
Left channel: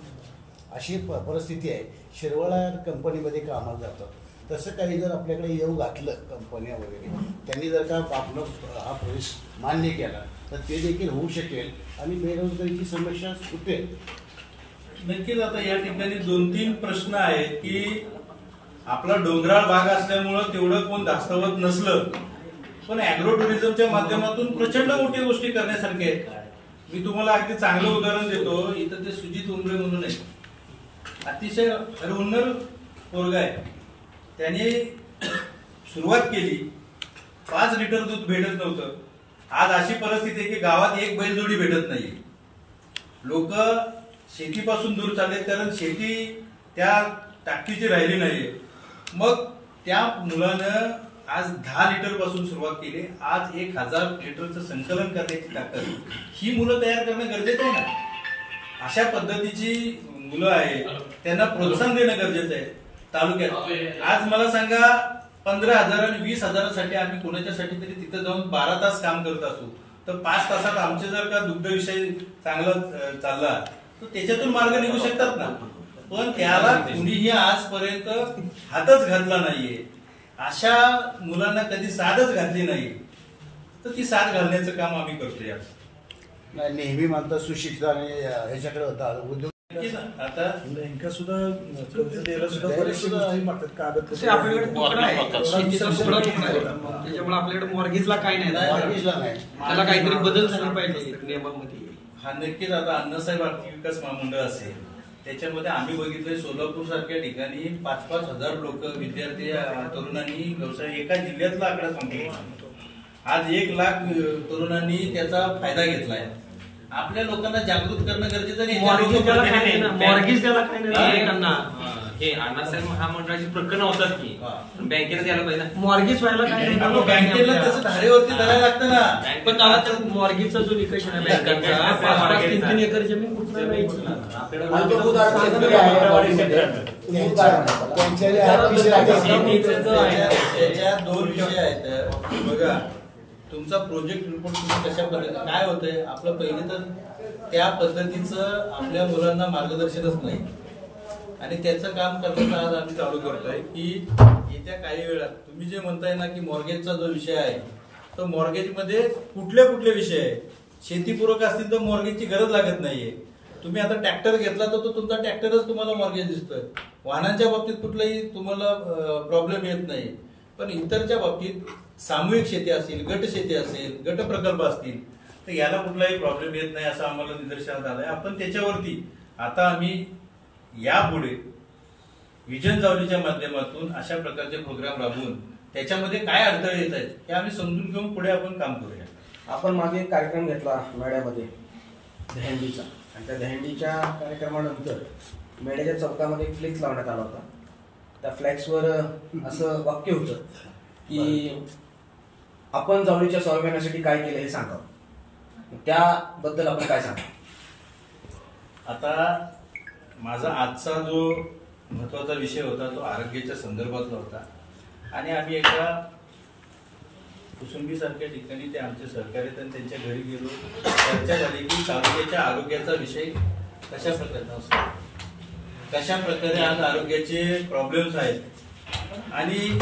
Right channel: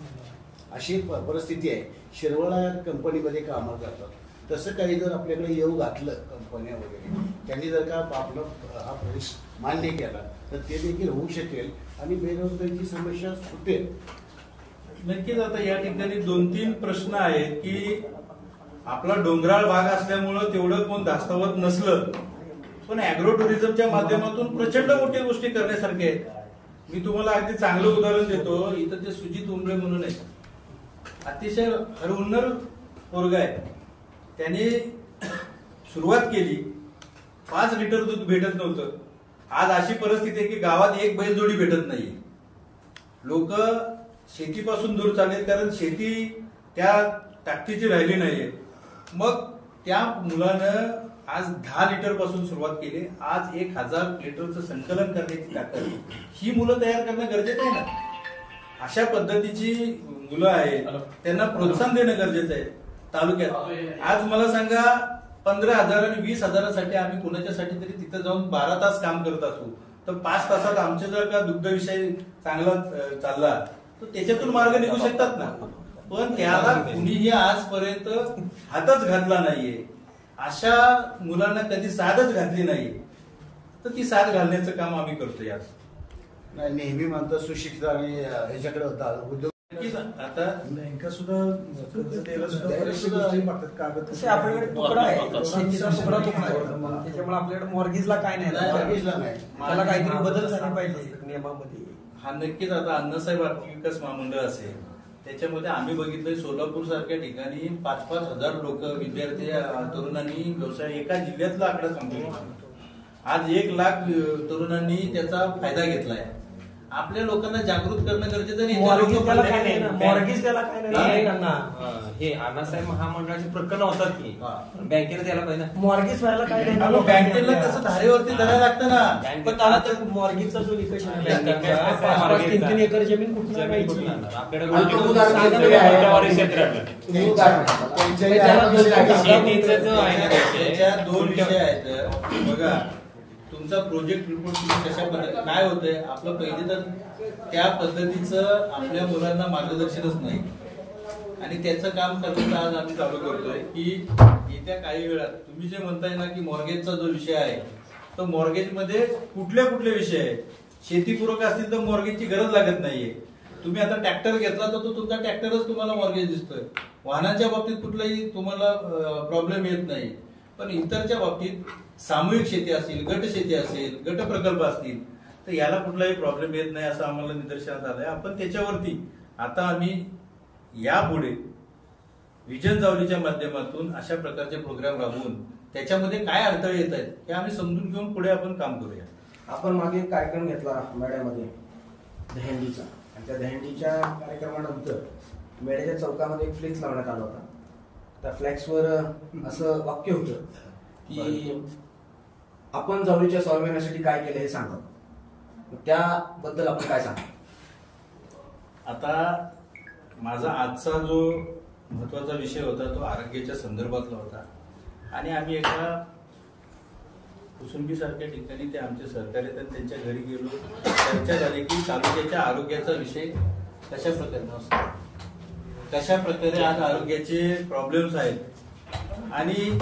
अशी परिस्थिती आहे. शिरवळा कंपनीमध्ये कामाला जातात. तसं काही जर आपल्याकडे येऊ घातलं कंपन्या वगैरे, त्यांनी जर का आपलं हा प्रवेश मान्य केला तर ते देखील होऊ शकेल आणि बेरोजगारीची समस्या सुटेल. नक्कीच. आता या ठिकाणी 2-3 प्रश्न आहेत की आपला डोंगराळ भाग असल्यामुळं तेवढं कोण धास्तावत नसलं, पण अॅग्रो टुरिझमच्या माध्यमातून प्रचंड मोठी गोष्टी करण्यासारख्या आहेत. मी तुम्हाला अगदी चांगलं उदाहरण देतो. इथं ते सुजित उमरे म्हणून आहे, अतिशय हरहुन्नर पोरगा आहे. त्याने सुरुवात केली, 5 लिटर दूध भेटत नव्हतं. आज अशी परिस्थिती आहे की गावात एक बैलजोडी भेटत नाही. लोक शेतीपासून दूर चाललेत कारण शेती त्या ताकदीची राहिली नाहीये. मग त्या मुलानं आज 10 लिटर पासून सुरुवात केली. आज 1000 लिटरचं संकलन करण्याची ताकद ही मुलं तयार करणं गरजेचं आहे ना. अशा पद्धतीची मुलं आहेत, त्यांना प्रोत्साहन देणं गरजेचं आहे. तालुक्यात आज मला सांगा 15,000 आणि 20,000साठी आम्ही कोणाच्यासाठी तरी तिथं जाऊन 12 तास काम करत असू तर 5 तासात आमचे जर का दुग्ध विषय चांगला चालला तर त्याच्यातून मार्ग निघू शकतात ना. पण त्याला कुणीही आजपर्यंत हातच घातला नाहीये. अशा मुलांना कधी साथच घातली नाहीये, तर ती साथ घालण्याचं काम आम्ही करतोय. आज नेहमी म्हणतात सुशिक्षित आणि ह्याच्याकडे होता उद्योग. आता बँका सुद्धा मागतात कागद. त्याच्यामुळे आपल्याकडे मॉर्गेजला काय नाही, त्याला काहीतरी बदल झाला पाहिजे नियमामध्ये. हा नक्कीच. आता अण्णासाहेब आर्थिक विकास महामंडळ असेल, त्याच्यामध्ये आम्ही बघितलंय सोलापूर सारख्या ठिकाणी 5-5 हजार लोक विद्यार्थी तरुणांनी व्यवसाय, एका जिल्ह्यातला आकडा सांगतो. आज 1 लाख तरुणांनी त्याचा फायदा घेतलाय. आपल्या लोकांना जागृत करणं गरजेचं नाही. हे अण्णासाहेब महामंडळाची प्रकरणं होतात की बँकेला द्यायला पाहिजे. मॉर्गेज व्हायला काय नाही, बँकेला तसं धारेवरती धरायला लागतं ना. पण आता मॉर्गेजचा जो निकष आहे बँकेचा, 3 एकर जमीन कुठे घ्यायची. त्याच्या 2 विषय आहेत. बघा, तुमचा प्रोजेक्ट रिपोर्ट तुम्ही कशा पद्धतीने काय होतंय आपलं, पहिले तर त्या पद्धतीचं आपल्या मुलांना मार्गदर्शनच नाही आणि त्याचं काम करण्याचं आज आम्ही चालू करतोय की येत्या काही वेळात तुम्ही जे म्हणताय ना की मॉर्गेजचा जो विषय आहे तर मॉर्गेजमध्ये कुठले कुठले विषय आहेत. शेतीपूरक असतील तर मॉर्गेजची गरज लागत नाहीये. तुम्ही आता ट्रॅक्टर घेतला तर तो तुमचा ट्रॅक्टरच तुम्हाला मॉर्गेज दिसतोय. वाहनांच्या बाबतीत कुठलाही तुम्हाला प्रॉब्लेम येत नाही. पण इतरच्या बाबतीत सामूहिक शेती असेल, गट शेती असेल, गट प्रकल्प असतील तर याला कुठलाही प्रॉब्लेम येत नाही असं आम्हाला निदर्शनास आलंय. आपण त्याच्यावरती आता आम्ही यापुढे विजन जावलीच्या माध्यमातून अशा प्रकारचे प्रोग्राम राबवून त्याच्यामध्ये काय अडथळे येत आहेत हे आम्ही समजून घेऊन पुढे आपण काम करूया. आपण मागे एक कार्यक्रम घेतला मेळ्यामध्ये दहंडीचा, आणि त्या दहंडीच्या कार्यक्रमानंतर मेळ्याच्या चौकामध्ये एक फ्लेक्स लावण्यात आला होता. त्या फ्लेक्सवर असं वाक्य होतं की आपण जावळीच्या स्वाभिमानासाठी काय केलं हे सांगा. त्याबद्दल आपण काय सांगा. आता माझा आजचा जो महत्वाचा विषय होता तो आरोग्याच्या संदर्भातला होता आणि आम्ही एका कुसुंबी सारख्या ठिकाणी ते आमचे सहकारी आणि त्यांच्या घरी गेलो. चर्चा झाली की तालुक्याच्या आरोग्याचा विषय कशा प्रकारे आज आरोग्याचे प्रॉब्लेम्स आहेत आणि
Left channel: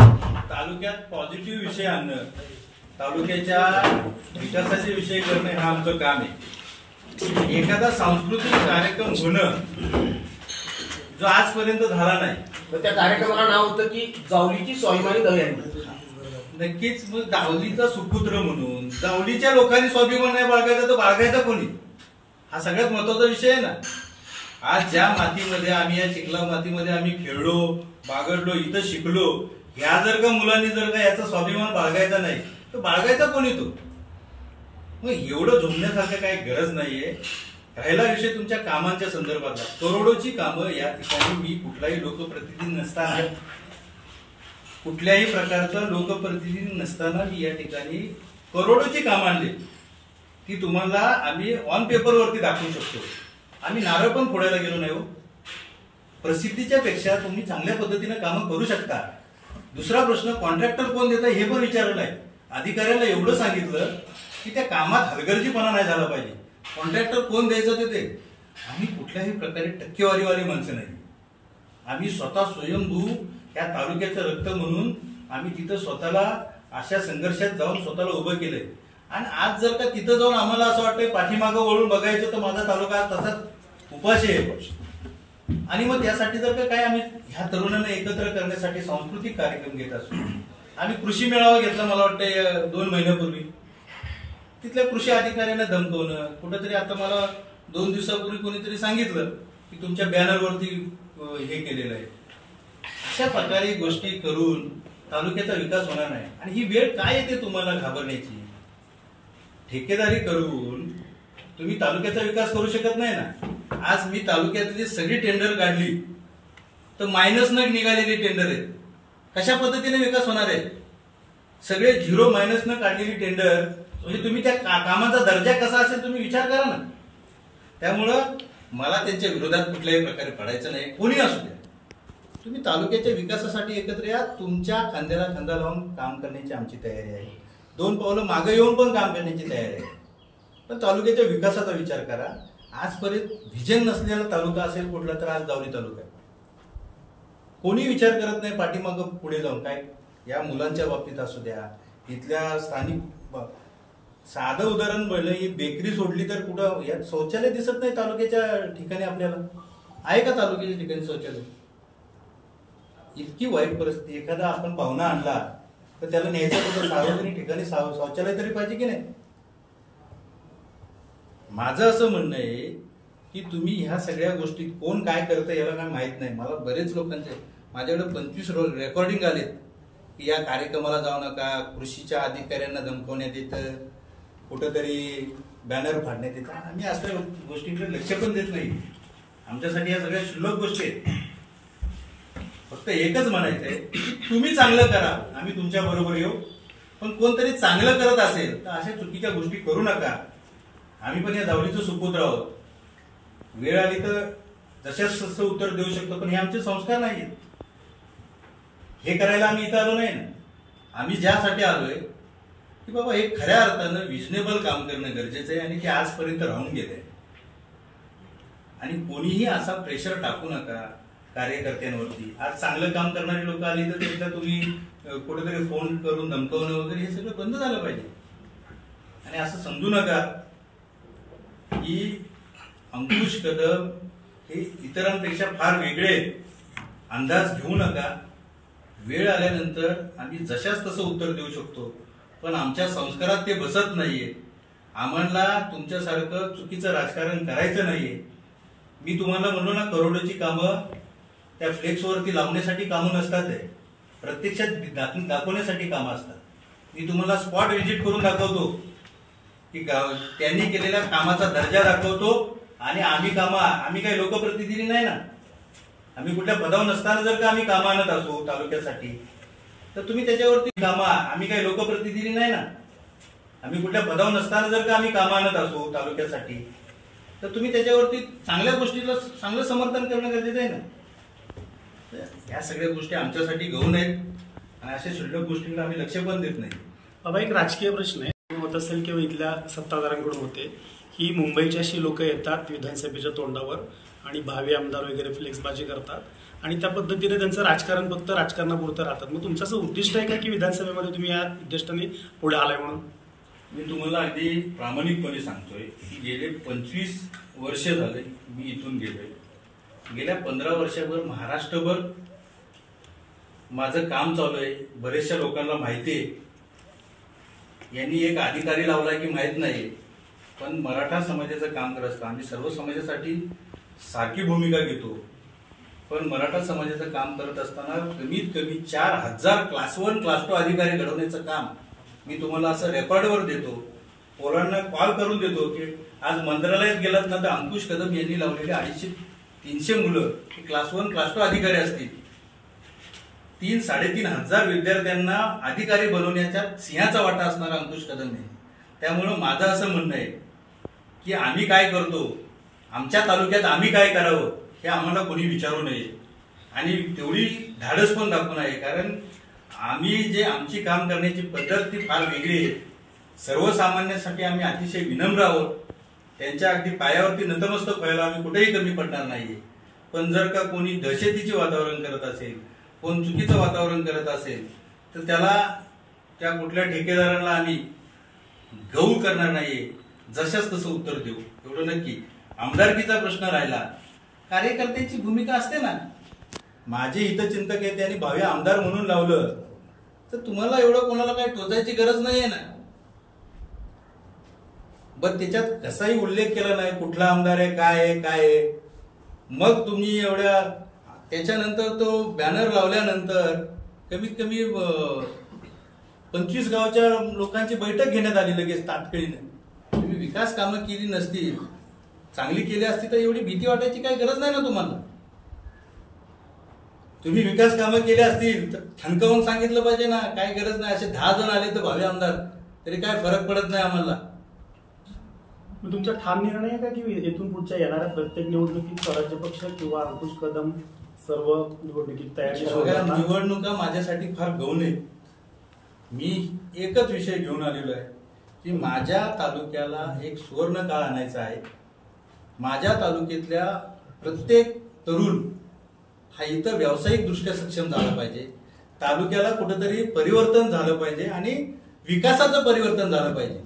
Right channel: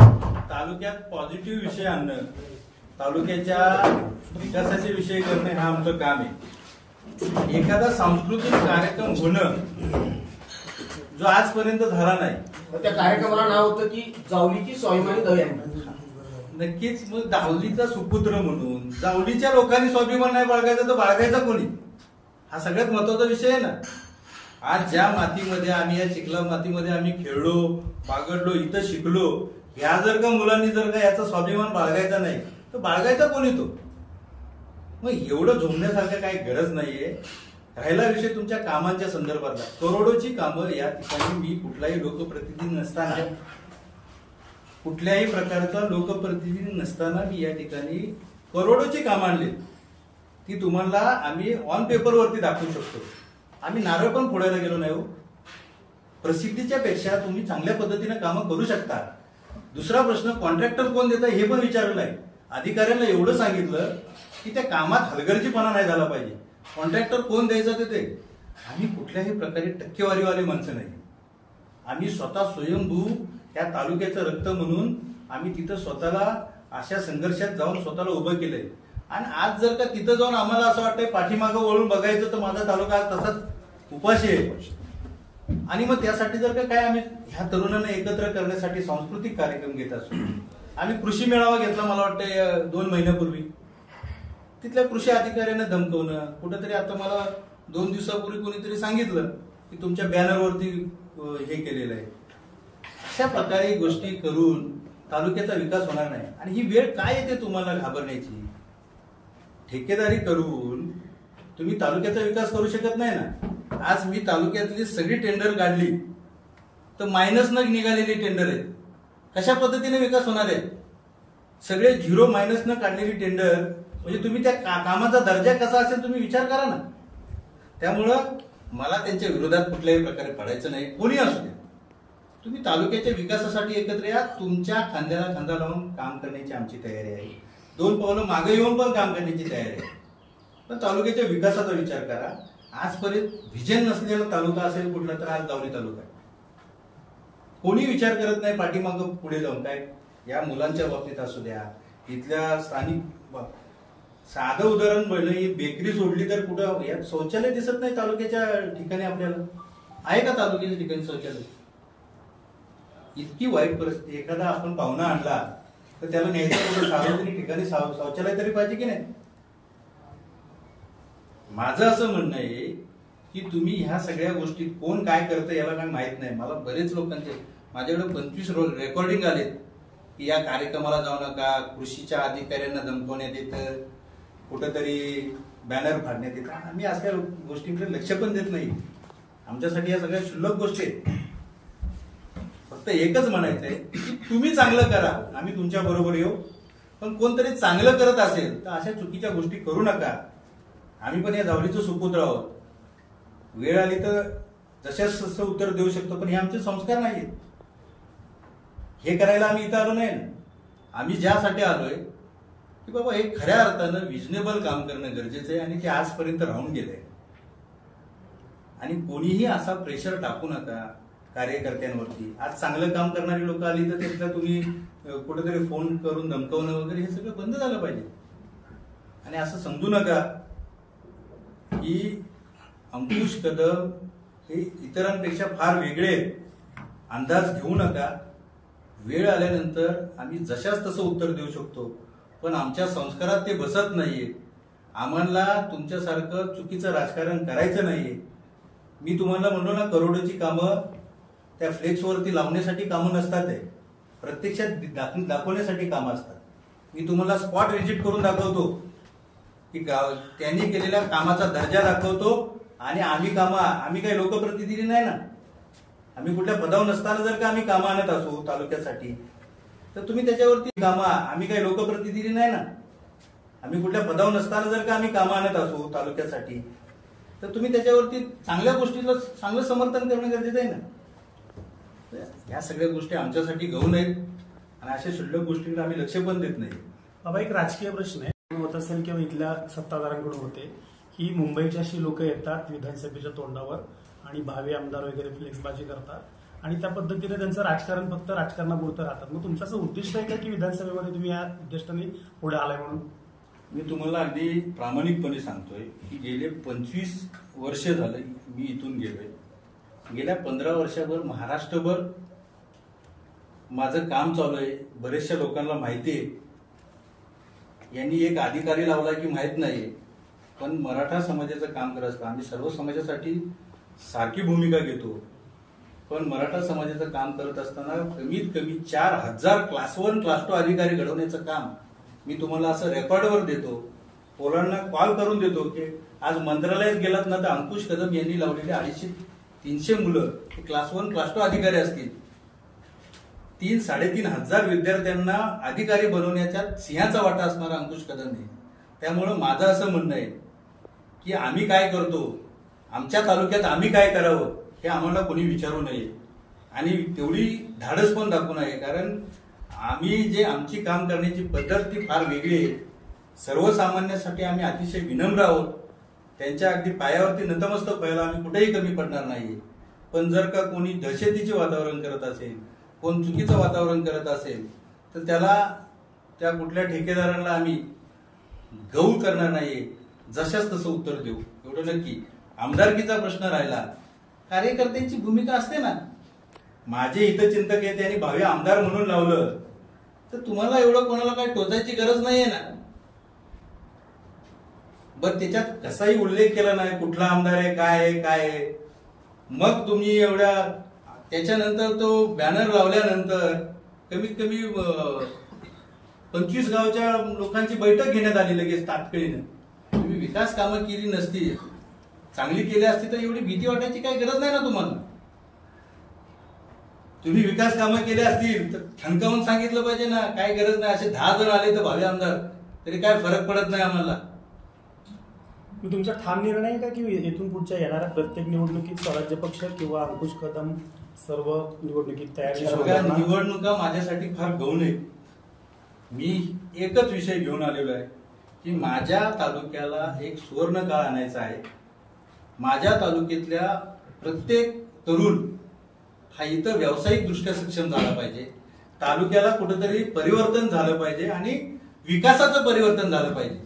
तालुक्यात पॉझिटिव्ह विषय आणणं, तालुक्याच्या विकासाचे विषय करणे हा आमचं काम आहे. एखादा सांस्कृतिक कार्यक्रम होणं जो आजपर्यंत झाला नाही तर त्या कार्यक्रमाला नाव होतं की जावलीची स्वाभिमानी दहंडी. नक्कीच. मग जावलीचा सुपुत्र म्हणून जावलीच्या लोकांनी स्वाभिमान नाही बाळगायचा तर बाळगायचा कोणी, हा सगळ्यात महत्वाचा विषय आहे ना. आज ज्या मातीमध्ये आम्ही, या चिखला मातीमध्ये आम्ही खेळलो, बागडलो, इथं शिकलो, ह्या जर का मुलांनी जर का याचा स्वाभिमान बाळगायचा नाही तर बाळगायचा कोणी तो. मग एवढं झोंबण्यासारखं काही गरज नाहीये. राहिला विषय तुमच्या कामांच्या संदर्भातला, करोडोची कामं या ठिकाणी मी कुठलाही लोकप्रतिनिधी नसताना, कुठल्याही प्रकारचा लोकप्रतिनिधी नसताना मी या ठिकाणी करोडोची कामं आणली ती तुम्हाला आम्ही ऑन पेपरवरती दाखवू शकतो. आम्ही नारळ पण फोडायला गेलो नाही हो. प्रसिद्धीच्या पेक्षा तुम्ही चांगल्या पद्धतीने कामं करू शकता. दुसरा प्रश्न, कॉन्ट्रॅक्टर कोण देता हे पण विचारलं नाही. अधिकाऱ्यांना एवढं सांगितलं की त्या कामात हलगर्जीपणा नाही झाला पाहिजे. कॉन्ट्रॅक्टर कोण द्यायचं ते आम्ही कुठल्याही प्रकारे टक्केवारीवाली माणसं नाही. आम्ही स्वतः स्वयंभू या तालुक्याचं रक्त म्हणून आम्ही तिथं स्वतःला अशा संघर्षात जाऊन स्वतःला उभं केलंय. आणि आज जर का तिथं जाऊन आम्हाला असं वाटतंय पाठीमागं वळून बघायचं तर माझा तालुका आज तसाच उपाशी आहे. आणि मग त्यासाठी जर का काय आम्ही ह्या तरुणांना एकत्र करण्यासाठी सांस्कृतिक कार्यक्रम घेत असतो. आम्ही कृषी मेळावा घेतला मला वाटतं 2 महिन्यापूर्वी. तिथल्या कृषी अधिकाऱ्यांना धमकवणं, कुठंतरी आता मला 2 दिवसापूर्वी कोणीतरी सांगितलं की तुमच्या बॅनरवरती हे केलेलं आहे. अशा प्रकारे गोष्टी करून तालुक्याचा विकास होणार नाही. आणि ही वेळ काय येते तुम्हाला घाबरण्याची? ठेकेदारी करून तुम्ही तालुक्याचा विकास करू शकत नाही ना. आज मी तालुक्यातली सगळी टेंडर काढली तर मायनस न निघालेली टेंडर आहेत. कशा पद्धतीने विकास होणार आहे? सगळे 0 मायनस न काढलेली टेंडर म्हणजे तुम्ही त्या कामाचा दर्जा कसा असेल तुम्ही विचार करा ना. त्यामुळं मला त्यांच्या विरोधात कुठल्याही प्रकारे पडायचं नाही. कोणी असू द्या, तुम्ही तालुक्याच्या विकासासाठी एकत्र या. तुमच्या खांद्याला खांदा लावून काम करण्याची आमची तयारी आहे. 2 पावलं मागे येऊन पण काम करण्याची तयारी आहे. पण तालुक्याच्या विकासाचा विचार करा. आजपर्यंत व्हिजन नसलेला तालुका असेल कुठला तर आज गावली तालुका आहे. कोणी विचार करत नाही पाठीमागं पुढे जाऊन. काय या मुलांच्या बाबतीत असू द्या, इथल्या स्थानिक साधं उदाहरण पहिलं, ही बेकरी सोडली तर कुठं यात शौचालय दिसत नाही तालुक्याच्या ठिकाणी. आपल्याला आहे का तालुक्याच्या ठिकाणी शौचालय? इतकी वाईट परिस्थिती. एखादा आपण पाहुणा आणला तर त्याला न्यायचं कुठं सार्वजनिक ठिकाणी शौचालय तरी पाहिजे की नाही? माझं असं म्हणणं आहे की तुम्ही ह्या सगळ्या गोष्टीत कोण काय करतं याला काय माहित नाही. मला बरेच लोकांचे माझ्याकडे 25 रेकॉर्डिंग आलेत की या कार्यक्रमाला जाऊ नका, कृषीच्या अधिकाऱ्यांना धमकवण्यात येतं, कुठंतरी बॅनर फाडण्यात येतं. आम्ही अशा गोष्टींकडे लक्ष पण देत नाही. आमच्यासाठी या सगळ्या क्षुल्लक गोष्टी आहेत. फक्त एकच म्हणायचंय की तुम्ही चांगलं करा, आम्ही तुमच्या बरोबर येऊ. पण कोणतरी चांगलं करत असेल तर अशा चुकीच्या गोष्टी करू नका. आम्ही पण या जावळीचं सुपुत्र आहोत. वेळ आली तर जशाच तसं उत्तर देऊ शकतो, पण हे आमचे संस्कार नाहीत. हे करायला आम्ही इथं आलो नाही ना. आम्ही ज्यासाठी आलोय की बाबा हे खऱ्या अर्थानं रिजनेबल काम करणं गरजेचं आहे आणि ते आजपर्यंत राहून गेलंय. आणि कोणीही असा प्रेशर टाकू नका कार्यकर्त्यांवरती. आज चांगलं काम करणारी लोक आली तर त्यातला तुम्ही कुठेतरी फोन करून धमकवणं वगैरे हे सगळं बंद झालं पाहिजे. आणि असं समजू नका की अंकुश कदम हे इतरांपेक्षा फार वेगळे. अंदाज घेऊ नका. वेळ आल्यानंतर आम्ही जशाच तसं उत्तर देऊ शकतो, पण आमच्या संस्कारात ते बसत नाहीये. आम्हाला तुमच्यासारखं चुकीचं राजकारण करायचं नाहीये. मी तुम्हाला म्हणलो ना, करोडोची कामं त्या फ्लेक्सवरती लावण्यासाठी कामं नसतात, आहे प्रत्यक्षात दाखवण्यासाठी कामं असतात. मी तुम्हाला स्पॉट व्हिजिट करून दाखवतो की त्यांनी केलेल्या कामाचा दर्जा दाखवतो. आणि आम्ही काही लोकप्रतिनिधी नाही ना. आम्ही कुठल्या पदावर नसताना जर का आम्ही कामं आणत असू तालुक्यासाठी तर तुम्ही त्याच्यावरती आम्ही काही लोकप्रतिनिधी नाही ना. आम्ही कुठल्या पदावर नसताना जर का आम्ही कामं आणत असू तालुक्यासाठी तर तुम्ही त्याच्यावरती चांगल्या गोष्टीला चांगलं समर्थन करणं गरजेचं आहे ना. या सगळ्या गोष्टी आमच्यासाठी गौण आहेत आणि अशा शुल्लक गोष्टींकडे आम्ही लक्ष पण देत नाही. बाबा, एक राजकीय प्रश्न आहे, होत असेल किंवा इथल्या सत्ताधाऱ्यांकडून होते की मुंबईची अशी लोक येतात विधानसभेच्या तोंडावर आणि भावी आमदार वगैरे फ्लेक्सबाजी करतात आणि त्या पद्धतीने त्यांचं राजकारण फक्त राजकारणापुरतं राहतात. मग तुमचं असं उद्दिष्ट आहे का की विधानसभेमध्ये तुम्ही या उद्दिष्टाने पुढे आलाय म्हणून? मी तुम्हाला अगदी प्रामाणिकपणे सांगतोय की गेले 25 वर्ष झाले मी इथून गेलोय. गेल्या 15 वर्षाभर महाराष्ट्रभर माझं काम चालू आहे. बरेचशा लोकांना माहिती आहे. यांनी एक अधिकारी लावला की माहित नाही, पण मराठा समाजाचं काम करत असतं. आम्ही सर्व समाजासाठी सारखी भूमिका घेतो, पण मराठा समाजाचं काम करत असताना कमीत कमी 4000 क्लास 1 क्लास 2 अधिकारी घडवण्याचं काम मी तुम्हाला असं रेकॉर्डवर देतो. पोरांना कॉल करून देतो की आज मंत्रालयात गेलात ना तर अंकुश कदम यांनी लावलेले 250-300 मुलं क्लास 1 क्लास 2 अधिकारी असतील. 3-3.5 हजार विद्यार्थ्यांना अधिकारी बनवण्याच्या सिंहाचा वाटा असणारा अंकुश कदम आहे. त्यामुळं माझं असं म्हणणं आहे की आम्ही काय करतो, आमच्या तालुक्यात आम्ही काय करावं हे आम्हाला कोणी विचारू नये आणि तेवढी धाडस पण दाखवू नये. कारण आम्ही जे आमची काम करण्याची पद्धत ती फार वेगळी आहे. सर्वसामान्यांसाठी आम्ही अतिशय विनम्र आहोत. त्यांच्या अगदी पायावरती नतमस्तक व्हायला आम्ही कुठेही कमी पडणार नाहीये. पण जर का कोणी दहशतीचे वातावरण करत असेल, कोण चुकीचं वातावरण करत असेल तर त्याला त्या कुठल्या ठेकेदारांना आम्ही गौर करणार नाहीये. जशाच तसं उत्तर देऊ एवढं नक्की. आमदारकीचा प्रश्न राहिला, कार्यकर्त्यांची भूमिका असते ना. माझे हितचिंतक आहे त्यांनी भावी आमदार म्हणून लावलं तर तुम्हाला एवढं कोणाला काही टोचायची गरज नाहीये ना. बरं त्याच्यात कसाही उल्लेख केला नाही कुठला आमदार आहे काय आहे. मग तुम्ही एवढ्या त्याच्यानंतर तो बॅनर लावल्यानंतर कमीत कमी 25 गावच्या लोकांची बैठक घेण्यात आली लगेच तात्काळीनं. तुम्ही विकास कामं केली नसती, चांगली केली असती तर एवढी भीती वाटायची काही गरज नाही ना तुम्हाला. तुम्ही विकास कामं केली असतील तर ठणकावून सांगितलं पाहिजे ना. काय गरज नाही. असे 10 जण आले तर भावी आमदार तरी काय फरक पडत नाही आम्हाला. तुमचा ठाम निर्णय आहे का की इथून पुढच्या येणाऱ्या प्रत्येक निवडणुकीत स्वराज्य पक्ष किंवा अंकुश कदम सर्व निवडणुकीत तयारी? निवडणुका माझ्यासाठी फार गौण आहे. मी एकच विषय घेऊन आलेलो आहे की माझ्या तालुक्याला एक सुवर्ण काळ आणायचा आहे. माझ्या तालुक्यातल्या प्रत्येक तरुण हा इथं व्यावसायिक दृष्ट्या सक्षम झाला पाहिजे. तालुक्याला कुठेतरी परिवर्तन झालं पाहिजे आणि विकासाचं परिवर्तन झालं पाहिजे.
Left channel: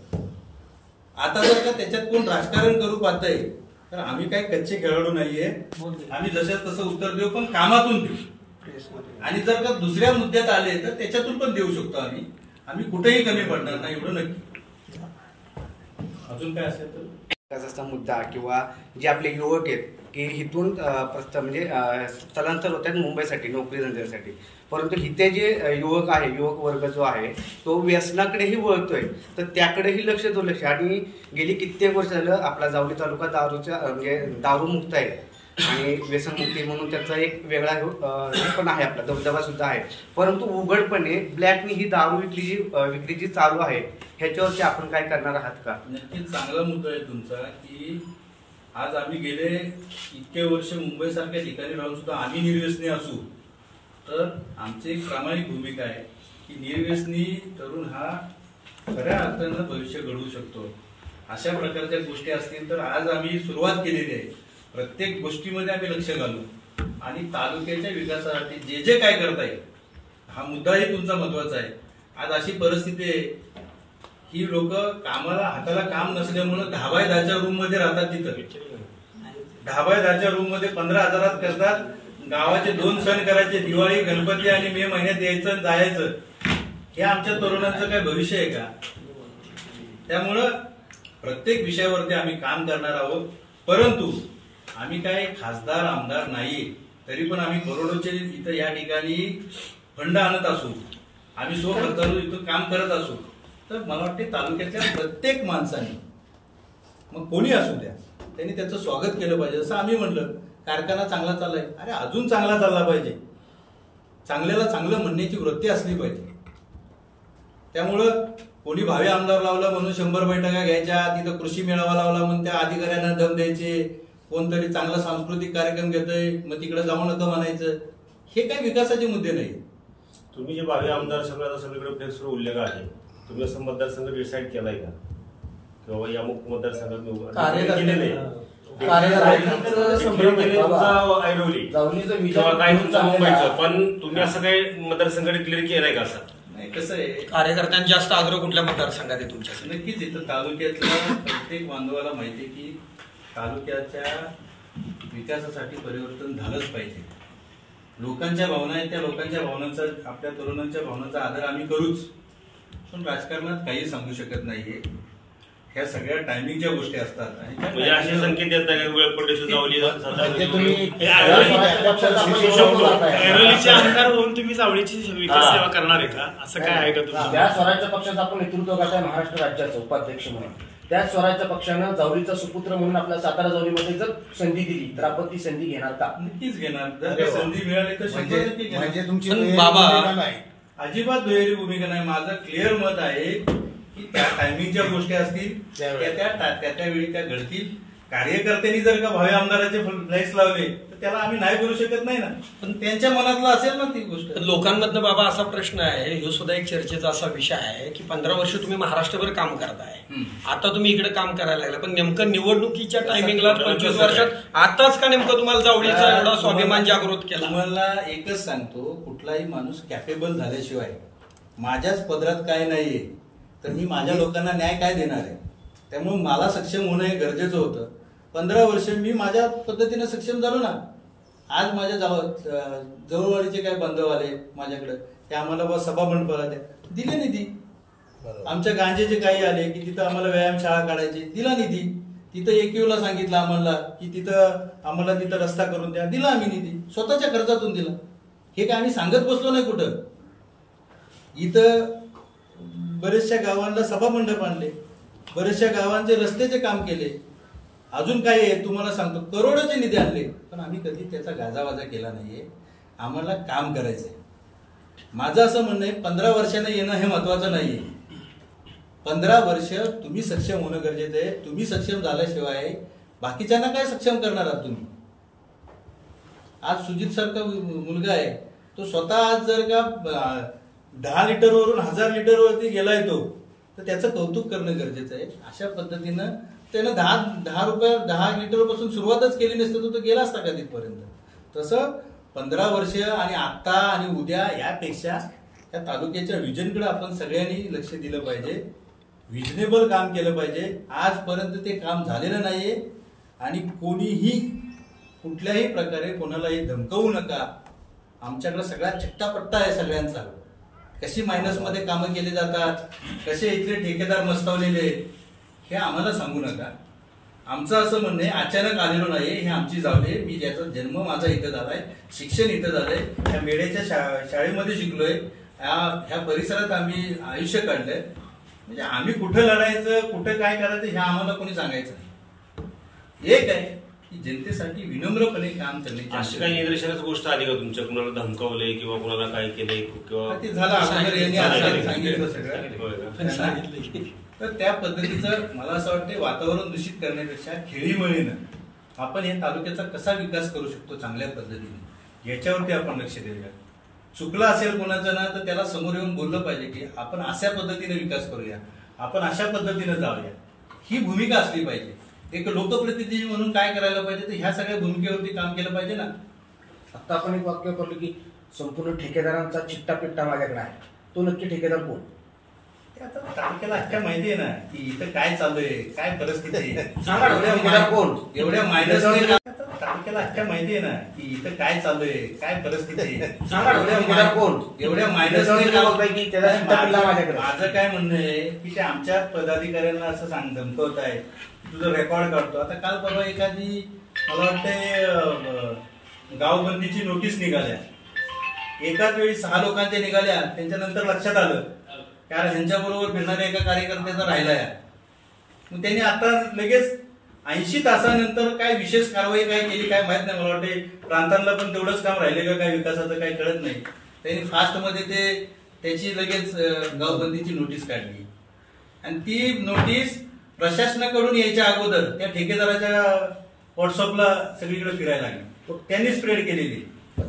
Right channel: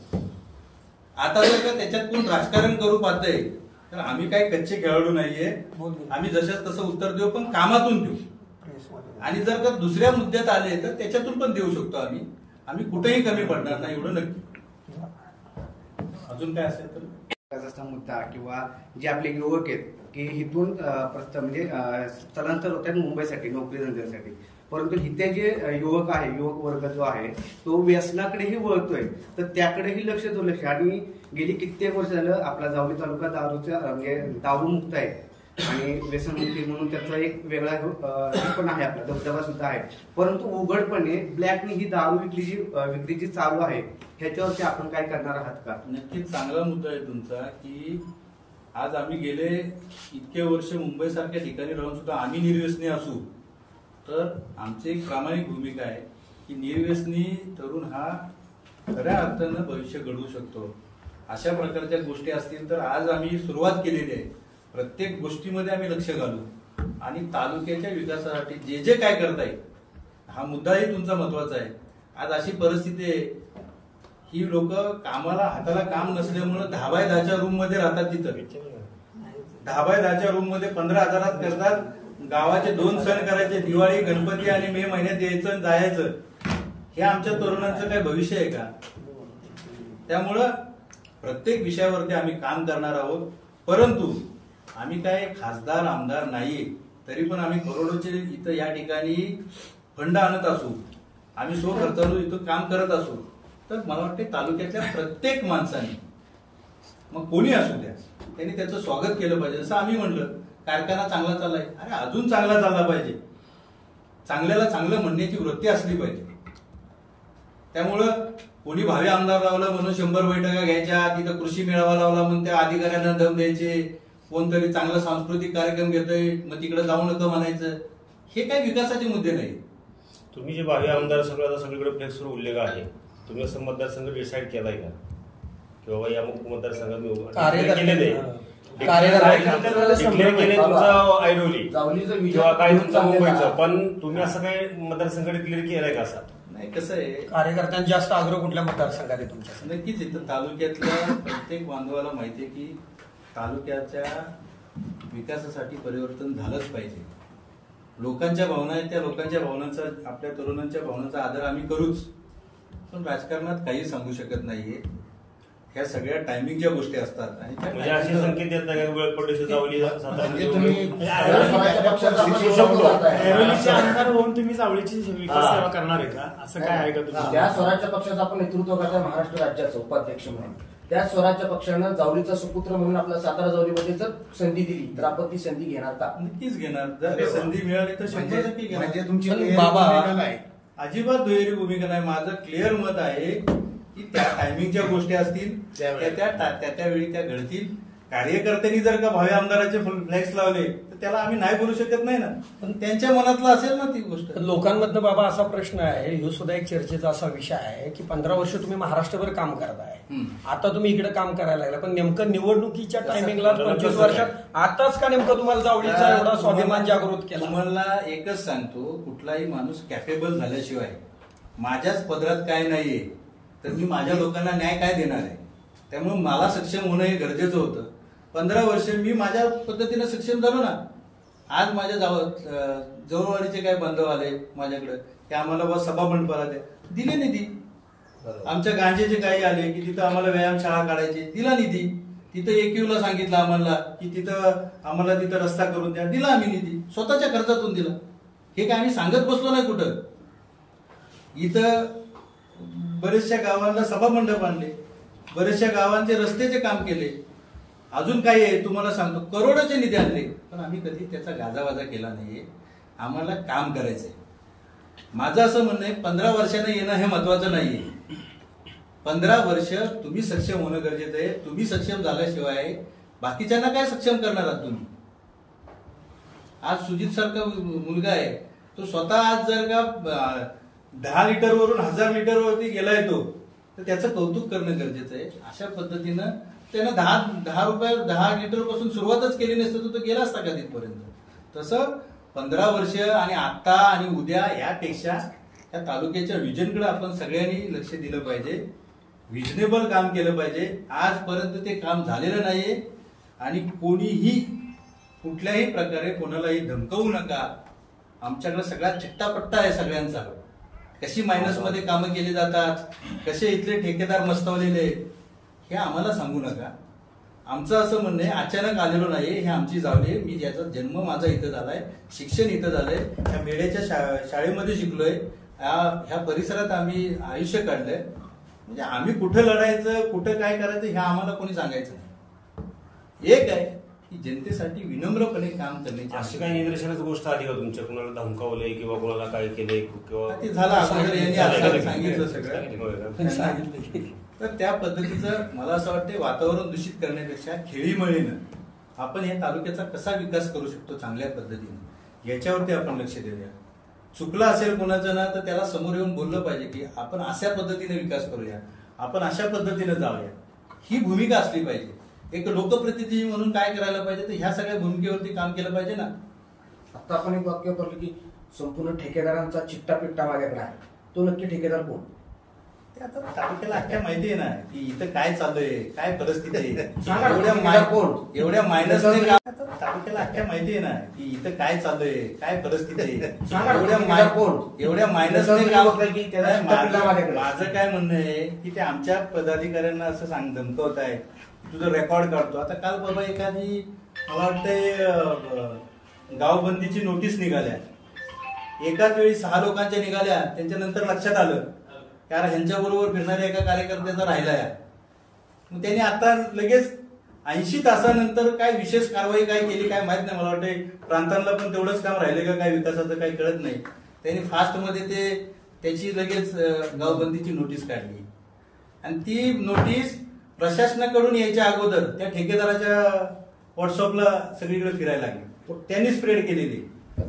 आता जर का त्याच्यात कोण राजकारण करू पाहतंय तर आम्ही काही कच्चे खेळाडू नाहीये. आम्ही जशाच तसं उत्तर देऊ पण कामातून देऊ. आणि जर का दुसऱ्या मुद्द्यात आले तर त्याच्यातून पण देऊ शकतो आम्ही कुठेही कमी पडणार नाही एवढं नक्की. अजून काय असेल तर विकासाचा मुद्दा किंवा जे आपले युवक आहेत की इथून म्हणजे स्थलांतर होत आहेत मुंबईसाठी नोकरी धंद्यासाठी, परंतु इथे जे युवक आहे युवक वर्ग जो आहे तो व्यसनाकडेही वळतोय तर त्याकडेही लक्ष दुर्लक्ष. आणि गेली कित्येक वर्ष झालं आपला जावली तालुका दारूच्या म्हणजे दारूमुक्त आहे आणि व्यसनमुक्ती म्हणून त्याचा एक वेगळा पण आहे, आपला दबदबा सुद्धा आहे. परंतु उघडपणे ब्लॅकनी ही दारू विक्री जी चालू आहे ह्याच्यावरती आपण काय करणार आहात का? नक्कीच चांगला मुद्दा आहे तुमचा की आज आम्ही गेले इतके वर्ष मुंबई सारख्या ठिकाणी राहून सुद्धा आम्ही निर्व्यसनी असू तर आमची एक प्रामाणिक भूमिका आहे की निर्व्यसनी तरुण हा खऱ्या अर्थानं भविष्य घडवू शकतो. अशा प्रकारच्या गोष्टी असतील तर आज आम्ही सुरुवात केलेली आहे. प्रत्येक गोष्टीमध्ये आम्ही लक्ष घालू आणि तालुक्याच्या विकासासाठी जे काय करता येईल हा मुद्दाही तुमचा महत्वाचा आहे. आज अशी परिस्थिती आहे ही लोक कामाला हाताला काम नसल्यामुळे 10x10च्या रूम मध्ये राहतात. तिथं 10x10च्या रूम मध्ये 15,000 करतात. गावाचे 2 सण करायचे, दिवाळी गणपती आणि मे महिन्यात यायचं जायचं. हे आमच्या तरुणांचं काय भविष्य आहे का? त्यामुळं प्रत्येक विषयावरती आम्ही काम करणार आहोत. परंतु आम्ही काय खासदार आमदार नाहीये तरी पण आम्ही करोडोचे इथं या ठिकाणी फंड आणत असू, आम्ही स्वखर्चाने इथं काम करत असू तर मला वाटते तालुक्यातल्या प्रत्येक माणसाने मग कोणी असू द्या त्यांनी त्याचं स्वागत केलं पाहिजे. जसं आम्ही म्हणलं कारखाना चांगला चाललाय, अरे अजून चांगला चालला पाहिजे. चांगल्याला चांगलं म्हणण्याची वृत्ती असली पाहिजे. त्यामुळं कोणी भावी आमदार लावलं म्हणून 100 बैठका घ्यायच्या, तिथं कृषी मेळावा लावला म्हणून त्या अधिकाऱ्यांना दम द्यायचे, कोणतरी चांगला सांस्कृतिक कार्यक्रम घेतोय मग तिकडे जाऊ नका म्हणायचं. हे काही विकासाचे मुद्दे नाही. तुम्ही जे भावी आमदार सगळीकडे फेसवर उल्लेख आहे, तुम्ही असं मतदारसंघ डिसाईड केलाय का की बाबा या मतदारसंघात पण तुम्ही असं काही मतदारसंघ क्लिअर केलाय का? असं नाही. कसं आहे कार्यकर्त्यांचा जास्त आग्रह कुठल्या मतदारसंघात आहे तुमच्या? नक्कीच इथं तालुक्यातल्या प्रत्येक बांधवाला माहिती आहे की तालुक्याच्या विकासासाठी परिवर्तन झालंच पाहिजे. लोकांच्या भावना आहेत त्या लोकांच्या भावनांचा आपल्या तरुणांच्या भावनांचा आदर आम्ही करूच. पण राजकारणात काही सांगू शकत नाहीये. ह्या सगळ्या टायमिंगच्या गोष्टी असतात आणि त्या म्हणजे असे संकेत येत नाही वेळपट्टी चावली ते तुम्ही स्वराज्य पक्षाचा आपण विरोध करताय. ऐरोलीचे आमदार होऊन तुम्ही चावडीची विकास सेवा करणार आहे का, असं काय आहे का तुमचं? त्या स्वराज्य पक्षाचं आपण नेतृत्व करताय महाराष्ट्र राज्याचं उपाध्यक्ष म्हणून. त्या स्वराज्य पक्षानं जावळीचा सुपुत्र म्हणून आपल्या सातारा जावळीमध्ये जर संधी दिली तर आपण ती संधी घेणार का? नक्कीच घेणार. जर का संधी मिळाली तर 100% घेणार. म्हणजे तुमची पण दुहेरी बाबा- भूमिका नाही. अजिबात दुहेरी भूमिका नाही. माझं क्लिअर मत आहे की त्या टायमिंगच्या गोष्टी असतील त्या वेळी त्या घडतील. कार्यकर्त्यांनी जर का भावी आमदाराचे फ्लाईट्स लावले तर त्याला आम्ही नाही बोलू शकत नाही ना, पण त्यांच्या मनातलं असेल ना ती गोष्ट. लोकांमधनं बाबा असा प्रश्न आहे, हे सुद्धा एक चर्चेचा असा विषय आहे की 15 वर्ष तुम्ही महाराष्ट्रभर काम करताय, आता तुम्ही इकडे काम करायला लागला, पण नेमकं निवडणुकीच्या टायमिंगला 25 वर्षात आताच का नेमकं तुम्हाला जावळीचा एवढा स्वाभिमान जागृत केला? तुम्हाला एकच सांगतो, कुठलाही माणूस कॅपेबल झाल्याशिवाय माझ्याच पदरात काय नाहीये तर मी माझ्या लोकांना न्याय काय देणार आहे. त्यामुळे मला सक्षम होणं हे गरजेचं होतं. 15 वर्ष मी माझ्या पद्धतीने सक्षम झालो ना. आज माझ्या जवळवाडीचे काही बांधव आले माझ्याकडे की आम्हाला सभा मंडपाला द्या, दिले निधी. आमच्या गांजेचे काही आले की तिथं आम्हाला व्यायामशाळा काढायची, दिला निधी. तिथं AQ सांगितलं आम्हाला की आम्हाला तिथं रस्ता करून द्या, दिला आम्ही निधी, स्वतःच्या खर्चातून दिला. हे काय आम्ही सांगत बसलो नाही कुठं. इथं बरेचशा गावांना सभा मंडप आणले, बरेचशा गावांचे रस्त्याचे काम केले. अजून काय आहे तुम्हाला सांगतो, करोडोचे निधी आणले, पण आम्ही कधी त्याचा गाजावाजा केला नाहीये. आम्हाला काम करायचंय. माझं असं म्हणणं आहे, 15 वर्षानं येणं हे महत्वाचं नाहीये. 15 वर्ष तुम्ही सक्षम होणं गरजेचं आहे. तुम्ही सक्षम झाल्याशिवाय बाकीच्यांना काय सक्षम करणार आहात तुम्ही? आज सुजित सारखा मुलगा आहे, तो स्वतः आज जर का 10 लिटरवरून 1000 लिटरवरती गेलाय तो, तर त्याचं कौतुक करणं गरजेचं आहे. अशा पद्धतीनं त्यानं 10 रुपये 10 लिटरपासून सुरुवातच केली नसतं तर तो गेला असता का तिथपर्यंत. तसं 15 वर्ष आणि आता आणि उद्या यापेक्षा या तालुक्याच्या व्हिजनकडे आपण सगळ्यांनी लक्ष दिलं पाहिजे. रिजनेबल काम केलं पाहिजे. आजपर्यंत ते काम झालेलं नाहीये आणि कोणीही कुठल्याही प्रकारे कोणालाही धमकवू नका. आमच्याकडे सगळा चिट्टापट्टा आहे सगळ्यांचा. कशी मायनसमध्ये कामं केली जातात, कसे इथले ठेकेदार मस्तावलेले हे आम्हाला सांगू नका. आमचं असं म्हणणं आहे, अचानक आलेलो नाही. हे आमची जावले, मी ज्याचा जन्म माझा इथं झालाय, शिक्षण इथं झालंय, ह्या मेड्याच्या शाळेमध्ये शिकलोय, ह्या परिसरात आम्ही आयुष्य काढलंय. म्हणजे आम्ही कुठं लढायचं, कुठं काय करायचं हे आम्हाला कोणी सांगायचं नाही. एक आहे की जनतेसाठी विनम्रपणे काम करण्याची. अशी काही निदर्शनाची गोष्ट आली का तुमच्या, कुणाला धमकावलंय किंवा कुणाला काय केलंय किंवा ते झालं अगोदर यांनी आजकाल सांगितलं सगळं. तर त्या पद्धतीचं मला असं वाटतं वातावरण दूषित करण्यापेक्षा खेळीमेळीनं आपण या तालुक्याचा कसा विकास करू शकतो चांगल्या पद्धतीने याच्यावरती आपण लक्ष देऊया. चुकलं असेल कोणाचं ना तर त्याला समोर येऊन बोललं पाहिजे की आपण अशा पद्धतीने विकास करूया, आपण अशा पद्धतीने जाऊया. ही भूमिका असली पाहिजे. एक लोकप्रतिनिधी म्हणून काय करायला पाहिजे, तर ह्या सगळ्या भूमिकेवरती काम केलं पाहिजे ना. आता आपण एक वाक्य वापरलं की संपूर्ण ठेकेदारांचा चिट्टा माझ्याकडे आहे. तो नक्की ठेकेदार कोण? आता तालुक्याला अख्ख्या माहिती आहे ना की इथं काय चाललंय, काय परिस्थिती आहे. सांगा एवढ्या मायनस तालुक्याला अख्ख्या माहिती आहे ना की इथं काय चाललंय, काय परिस्थिती आहे. एवढ्या मायनस माझं काय म्हणणं आहे की ते आमच्या पदाधिकाऱ्यांना असं धमकवत आहे, तुझं रेकॉर्ड काढतो. आता काल परवा एखादी मला वाटतंय गावबंदीची नोटीस निघाल्या, एकाच वेळी 6 लोकांच्या निघाल्या. त्यांच्यानंतर लक्षात आलं कारण ह्यांच्याबरोबर फिरणाऱ्या एका कार्यकर्त्याचा राहिलाय. मग त्यांनी आता लगेच 80 तासानंतर काय विशेष कारवाई काय केली काय माहित नाही. मला वाटतं प्रांतांना पण तेवढंच काम राहिले का काय विकासाचं काही कळत नाही. त्यांनी फास्टमध्ये त्याची लगेच गावबंदीची नोटीस काढली आणि ती नोटीस प्रशासनाकडून यायच्या अगोदर त्या ठेकेदाराच्या व्हॉट्सअपला सगळीकडे फिरायला लागली. त्यांनी स्प्रेड केलेली.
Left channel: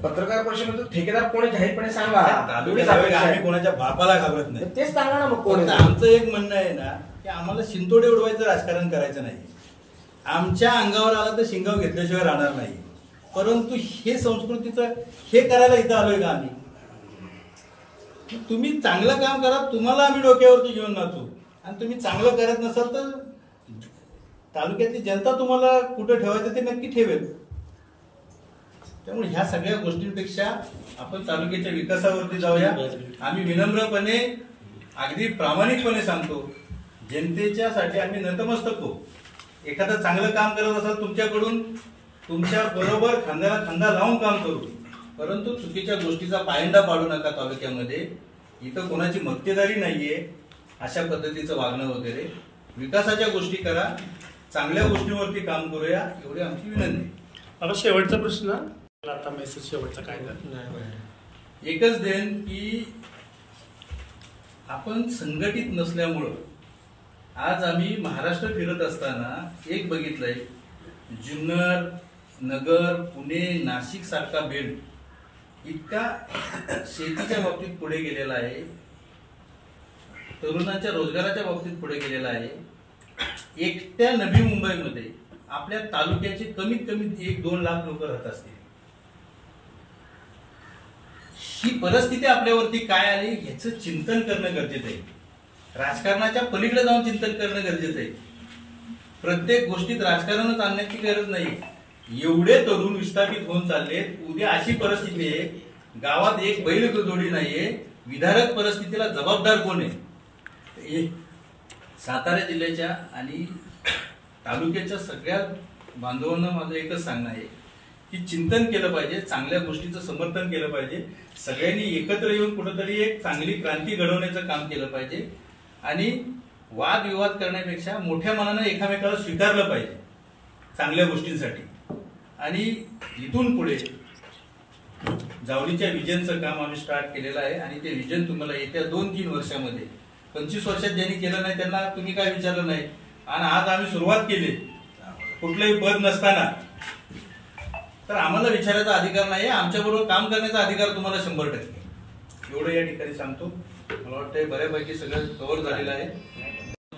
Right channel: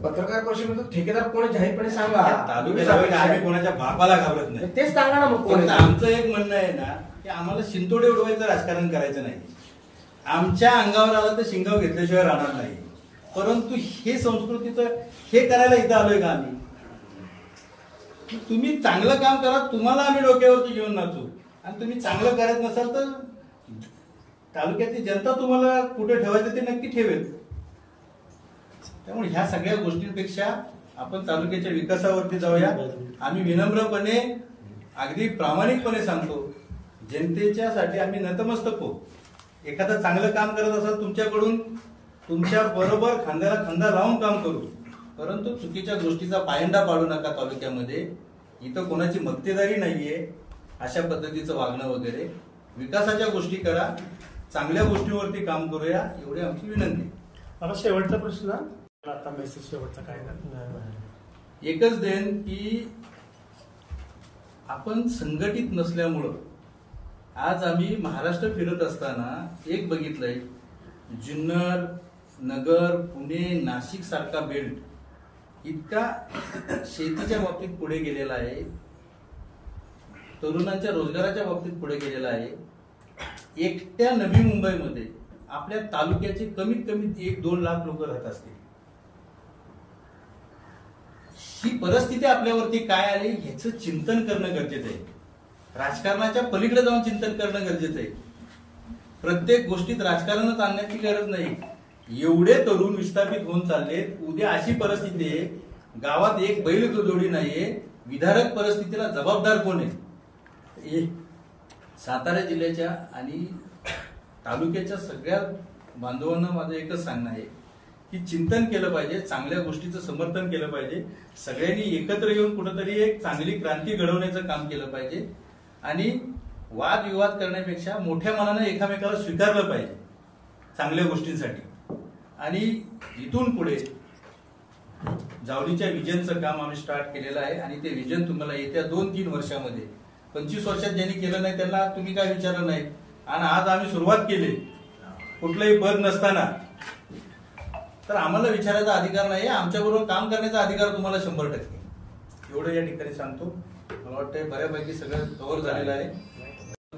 पत्रकार परिषदेमध्ये ठेकेदार कोणी जाहीरपणे सांगा. आम्ही कोणाच्या बापाला घाबरत नाही, तेच सांगा ना. मग आमचं एक म्हणणं आहे ना की आम्हाला शिंतोडे उडवायचं राजकारण करायचं नाही. आमच्या अंगावर आला तर शिंगाव घेतल्याशिवाय राहणार नाही. परंतु हे संस्कृतीचं हे करायला इथं आलोय का आम्ही? तुम्ही चांगलं काम करा, तुम्हाला आम्ही डोक्यावरती घेऊन नाचू. आणि तुम्ही चांगलं करत नसाल तर तालुक्यातली जनता तुम्हाला कुठं ठेवायचं ते नक्की ठेवेल. त्यामुळे ह्या सगळ्या गोष्टींपेक्षा आपण तालुक्याच्या विकासावरती जाऊया. आम्ही विनम्रपणे अगदी प्रामाणिकपणे सांगतो, जनतेच्यासाठी आम्ही नतमस्तक हो. एखादं चांगलं काम करत असाल तुमच्याकडून, तुमच्या बरोबर खांद्याला खांदा लावून काम करू, परंतु चुकीच्या गोष्टीचा पायंडा पाडू नका तालुक्यामध्ये. इथं कोणाची मक्तेदारी नाहीये अशा पद्धतीचं वागणं वगैरे. विकासाच्या गोष्टी करा, चांगल्या गोष्टींवरती काम करूया, एवढी आमची विनंती. मला शेवटचा प्रश्न, आता मेसेज शेवटचा काय एकच देन की आपण संघटित नसल्यामुळं आज आम्ही महाराष्ट्र फिरत असताना एक बघितलंय, जुन्नर, नगर, पुणे, नाशिक सारखा बेल्ट इतका शेतीच्या बाबतीत पुढे गेलेला आहे, तरुणांच्या रोजगाराच्या बाबतीत पुढे गेलेला आहे. एकट्या नवी मुंबईमध्ये आपल्या तालुक्याचे कमीत कमी 1-2 लाख लोक राहत असतील. ही परिस्थिती आपल्यावरती काय आली ह्याचं चिंतन करणं गरजेचं आहे. राजकारणाच्या पलीकडे जाऊन चिंतन करणं गरजेचं आहे. प्रत्येक गोष्टीत राजकारणच आणण्याची गरज नाही. एवढे तरुण विस्थापित होऊन चाललेत. उद्या अशी परिस्थिती आहे, गावात एक बैल जोडी नाहीये. विदारक परिस्थितीला जबाबदार कोण आहे? सातारा जिल्ह्याच्या आणि तालुक्याच्या सगळ्या बांधवांना माझं एकच सांगणं आहे की चिंतन केलं पाहिजे, चांगल्या गोष्टीचं समर्थन केलं पाहिजे. सगळ्यांनी एकत्र येऊन कुठेतरी एक चांगली क्रांती घडवण्याचं काम केलं पाहिजे आणि वादविवाद करण्यापेक्षा मोठ्या मनानं एकामेकाला स्वीकारलं पाहिजे चांगल्या गोष्टींसाठी. आणि इथून पुढे जावलीच्या विजनचं काम आम्ही स्टार्ट केलेलं आहे आणि ते विजन तुम्हाला येत्या 2-3 वर्षामध्ये, 25 वर्षात ज्यांनी केलं नाही त्यांना तुम्ही काय विचारलं नाही. आणि आज आम्ही सुरुवात केली कुठलंही पद नसताना, तर आम्हाला विचारायचा अधिकार नाही. आमच्याबरोबर काम करण्याचा अधिकार तुम्हाला 100%. एवढं या ठिकाणी सांगतो. मला वाटतं बऱ्यापैकी सगळं कव्हर झालेलं आहे.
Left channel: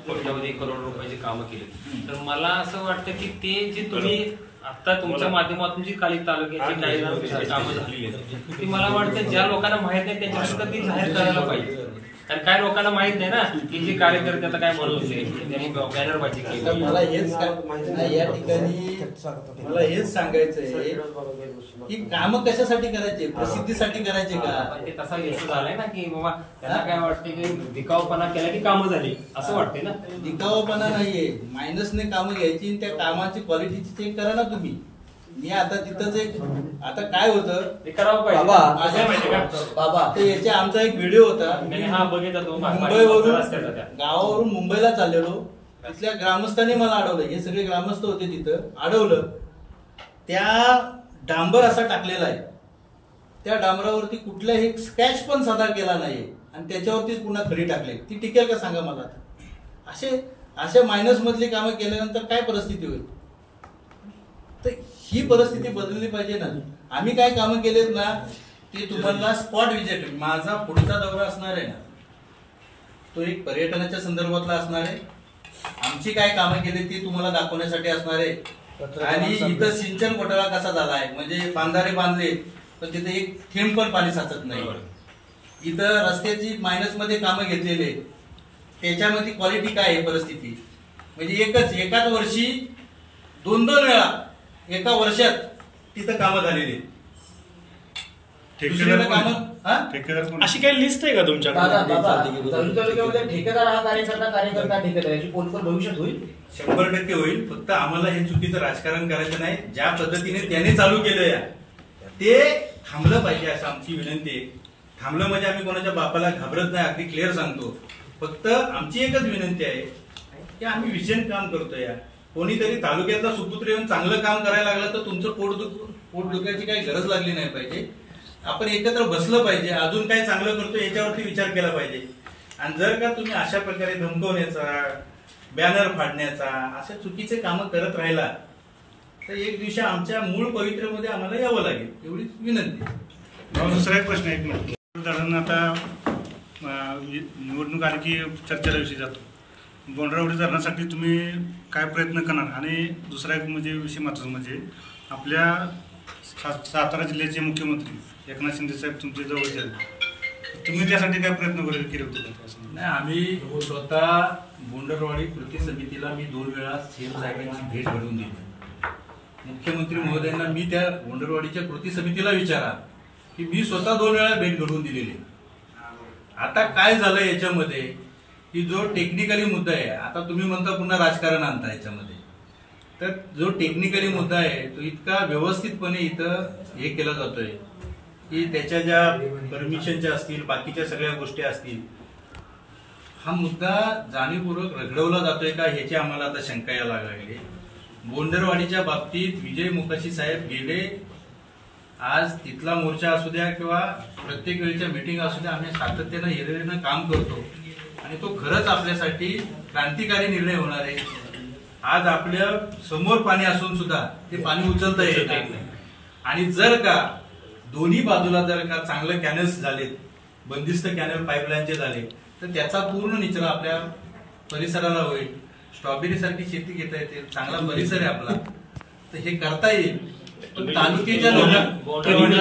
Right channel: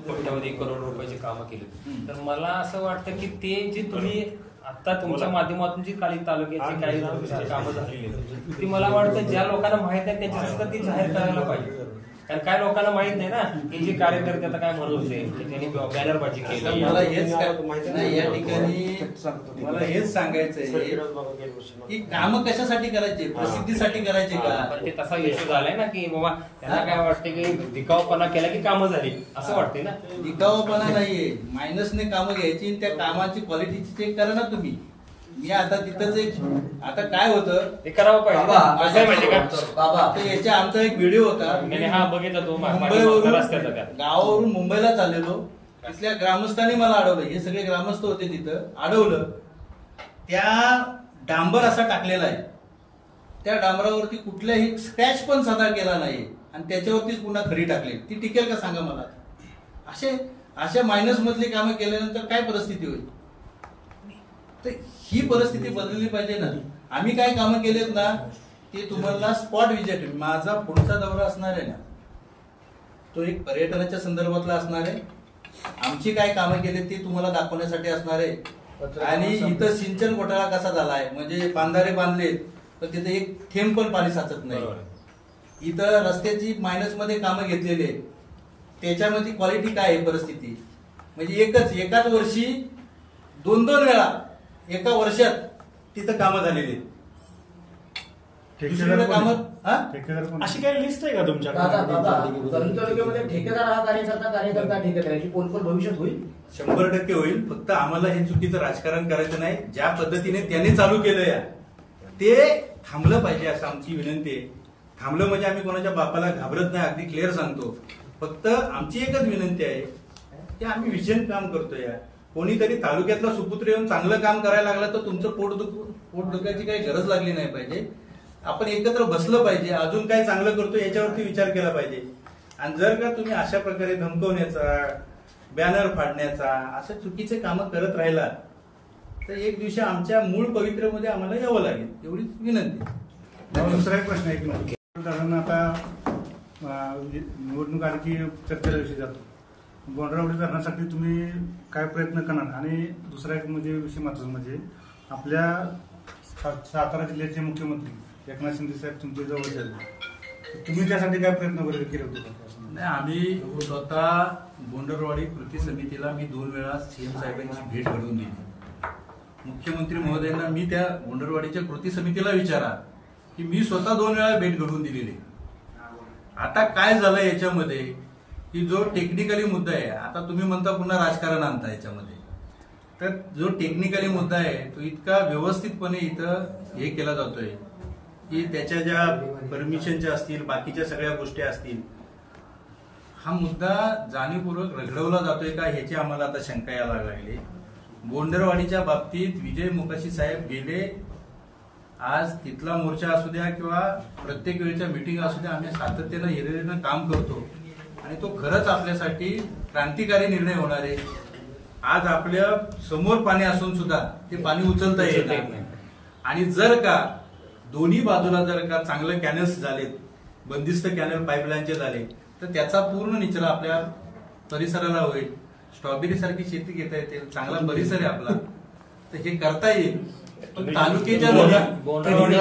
कोट्यावधी करोड रुपयाची कामं केली. तर मला असं वाटतं की ते जे तुम्ही आता तुमच्या माध्यमातून जी काही तालुक्याची काही कामं झालेली आहेत ती मला वाटतं ज्या लोकांना माहित नाही त्यांच्याकडे ती जाहीर करायला पाहिजे. कारण काय लोकांना माहित नाही ना की जे कार्यकर्ते आता काय म्हणूचे त्यांनी बॅनरबाजी केली. मला हेच नाही या ठिकाणी मला हेच सांगायचंय की कामं कशासाठी करायचे? प्रसिद्धीसाठी करायचे का? ते तसा इश्यू झालाय ना की बाबा त्यांना काय वाटते की दिखावपणा केला की कामं झाली असं वाटते ना. दिखावपणा नाहीये, मायनसने कामं घ्यायची, त्या कामाची क्वालिटीची चेक करा ना तुम्ही. मी आता तिथंच एक, आता काय होतं ते करावं पाहिजे बाबा. तर याच्या आमचा एक व्हिडिओ होता, मुंबईवरून गावावरून मुंबईला चाललेलो. तिथल्या ग्रामस्थांनी मला अडवलं. हे सगळे ग्रामस्थ होते, तिथं अडवलं. त्या डांबर असा टाकलेला आहे, त्या डांबरावरती कुठलाही स्क्रॅच पण साधा केला नाही आणि त्याच्यावरतीच पुन्हा खडी टाकली. ती टिकेल का सांगा मला? अशा मायनस मधली कामं केल्यानंतर काय परिस्थिती होईल? तर ही परिस्थिती बदलली पाहिजे ना. आम्ही काय कामं केलेत ना ते तुम्हाला स्पॉट विजिट, माझा पुढचा दौरा असणार आहे ना तो एक पर्यटनाच्या संदर्भातला असणार आहे. आमची काय कामं केली ती तुम्हाला दाखवण्यासाठी असणार आहे. आणि इथं सिंचन घोटाळा कसा झालाय, म्हणजे बांधारे बांधले पण तिथे एक थेंब पण पाणी साचत नाही. इथं रस्त्याची मायनस मध्ये कामं घेतलेले, त्याच्यामध्ये क्वालिटी काय आहे परिस्थिती, म्हणजे एकाच वर्षी 2-2 वेळा एका वर्षात तिथं कामं झालेली. अशी काही लिस्ट आहे का तुमच्याकडे? ठेकेदार हा कार्यकर्ता ठेकेदाराची कोण पण भविष्यात होईल, 100% होईल. फक्त आम्हाला हे चुकीचं राजकारण करायचं नाही. ज्या पद्धतीने त्यांनी चालू केलं ते थांबलं पाहिजे असं आमची विनंती आहे. थांबलं म्हणजे आम्ही कोणाच्या बापाला घाबरत नाही, अगदी क्लिअर सांगतो. फक्त आमची एकच विनंती आहे की आम्ही विजन काम करतोय. कोणीतरी तालुक्यातला सुपुत्र येऊन चांगलं काम करायला लागलं तर तुमचं पोट दुखायची काही गरज लागली नाही पाहिजे. आपण एकत्र बसलं पाहिजे, अजून काय चांगलं करतो याच्यावरती विचार केला पाहिजे. आणि जर का तुम्ही अशा प्रकारे धमकवण्याचा, बॅनर फाडण्याचा, अशा चुकीचे कामं करत राहिला तर एक दिवशी आमच्या मूळ पवित्रमध्ये आम्हाला यावं लागेल, एवढीच विनंती. दुसरा एक प्रश्न एक मिनिट. आता निवडणूक आली की चर्चेला विषय जातो. बोंडरावडी धरणासाठी तुम्ही काय प्रयत्न करणार? आणि दुसरा एक म्हणजे विषय महत्त्वाचा म्हणजे आपल्या सातारा जिल्ह्याचे मुख्यमंत्री एकनाथ शिंदे साहेब तुमचे जवळचे आहेत, तुम्ही त्यासाठी काय प्रयत्न केले होते? नाही, आम्ही स्वतः बोंडरवाडी कृती समितीला मी 2 वेळा सीएम साहेबांची भेट घडवून दिली. मुख्यमंत्री महोदयांना मी त्या बोंडरवाडीच्या कृती समितीला विचारा की मी स्वतः 2 वेळा भेट घडवून दिलेली. आता काय झालं याच्यामध्ये की जो टेक्निकली मुद्दा आहे, आता तुम्ही म्हणता पुन्हा राजकारण आणता याच्यामध्ये, तर जो टेक्निकली मुद्दा आहे तो इतका व्यवस्थितपणे इथं हे केला जातोय की त्याच्या ज्या परमिशनच्या असतील, बाकीच्या सगळ्या गोष्टी असतील, हा मुद्दा जाणीवपूर्वक रखडवला जातोय का ह्याची आम्हाला आता शंका यायला लागली. बोंडरवाडीच्या बाबतीत विजय मुकाशी साहेब गेले, आज तिथला मोर्चा असू द्या किंवा प्रत्येक वेळच्या मीटिंग असू द्या, आम्ही सातत्यानं हिरिरीनं काम करतो आणि तो खरंच आपल्यासाठी क्रांतिकारी निर्णय होणार आहे. आज आपल्या समोर पाणी असून सुद्धा ते पाणी उचलता येत नाही आणि जर का दोन्ही बाजूला जर का चांगलं कॅनल्स झालेत, बंदिस्त कॅनल पाईपलाईनचे झाले, तर त्याचा पूर्ण निचरा आपल्या परिसराला होईल. स्ट्रॉबेरी सारखी शेती घेता येते, चांगला परिसर आहे आपला, तर हे करता येईल. पण तालुक्याच्या बोंडरवाडी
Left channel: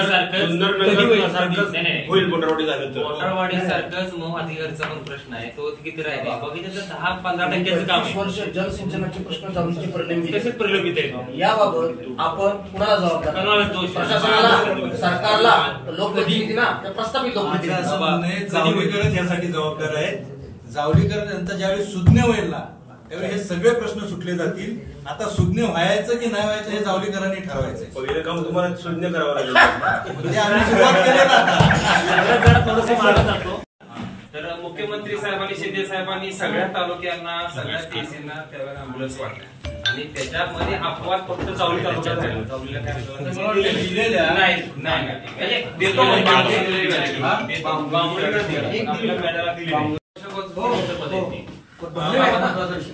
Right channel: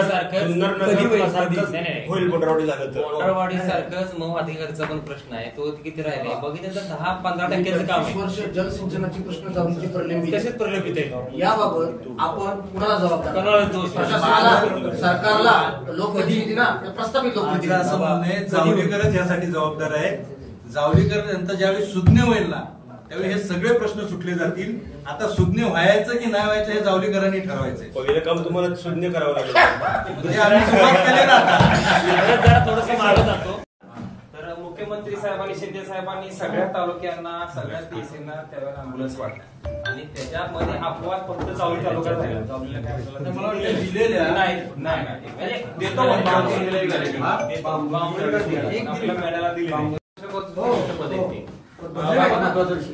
सारखंच मग अधिकारीचा पण प्रश्न आहे, तो किती राहिले बघितलं तर 10-15% काम आहे. जलसिंचनाचे प्रश्न जाऊनचे प्रलंबित आहे. याबाबत आपण कुणाला जबाबदार, प्रशासनाला, सरकारला, लोकप्रतिनिधींना, प्रस्तावित लोकप्रतिनिधी? असं म्हणणं आहे जावडेकरच यासाठी जबाबदार आहेत. जावडेकर यांचा ज्यावेळी सुज्ञ होईल ना त्यावेळी हे सगळे प्रश्न सुटले जातील. आता सुज्ञ व्हायचं की नाही व्हायचं हे जावडेकरांनी ठरवायचंय. पहिलं काम तुम्हाला सुज्ञ करावं लागेल. म्हणजे आम्ही सुरुवात केली ना आता. तर मुख्यमंत्री साहेबांनी, शिंदे साहेबांनी सगळ्या तालुक्यांना, सगळ्या पीसीना त्यावेळेला अँब्युलन्स वाटले आणि त्याच्यामध्ये अपवाद फक्त चावली तालुक्यात झाला.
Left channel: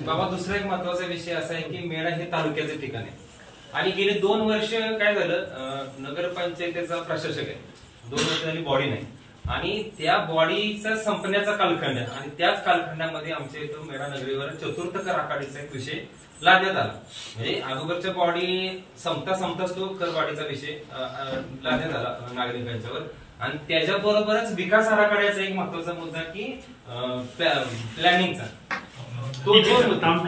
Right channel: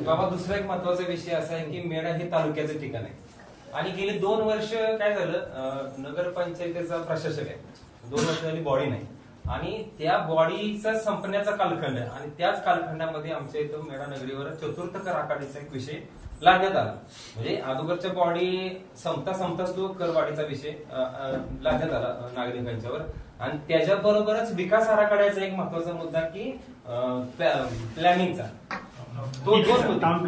बाबा दुसरा एक महत्वाचा विषय असा आहे की मेढा हे तालुक्याचे ठिकाण आहे आणि गेले 2 वर्ष काय झालं, नगरपंचायतीचा प्रशासक आहे, 2 वर्ष झाली बॉडी नाही आणि त्या बॉडीचा संपण्याचा कालखंड आणि त्याच कालखंडामध्ये आमच्या इथं मेढा नगरीवर चतुर्थ कर आखाडीचा एक विषय लादण्यात आला. म्हणजे अगोदरच्या बॉडी संपताच तो करवाढीचा विषय लादण्यात आला नागरिकांच्यावर आणि त्याच्याबरोबरच विकास आराखड्याचा एक महत्वाचा मुद्दा की प्लॅनिंगचा, टाउन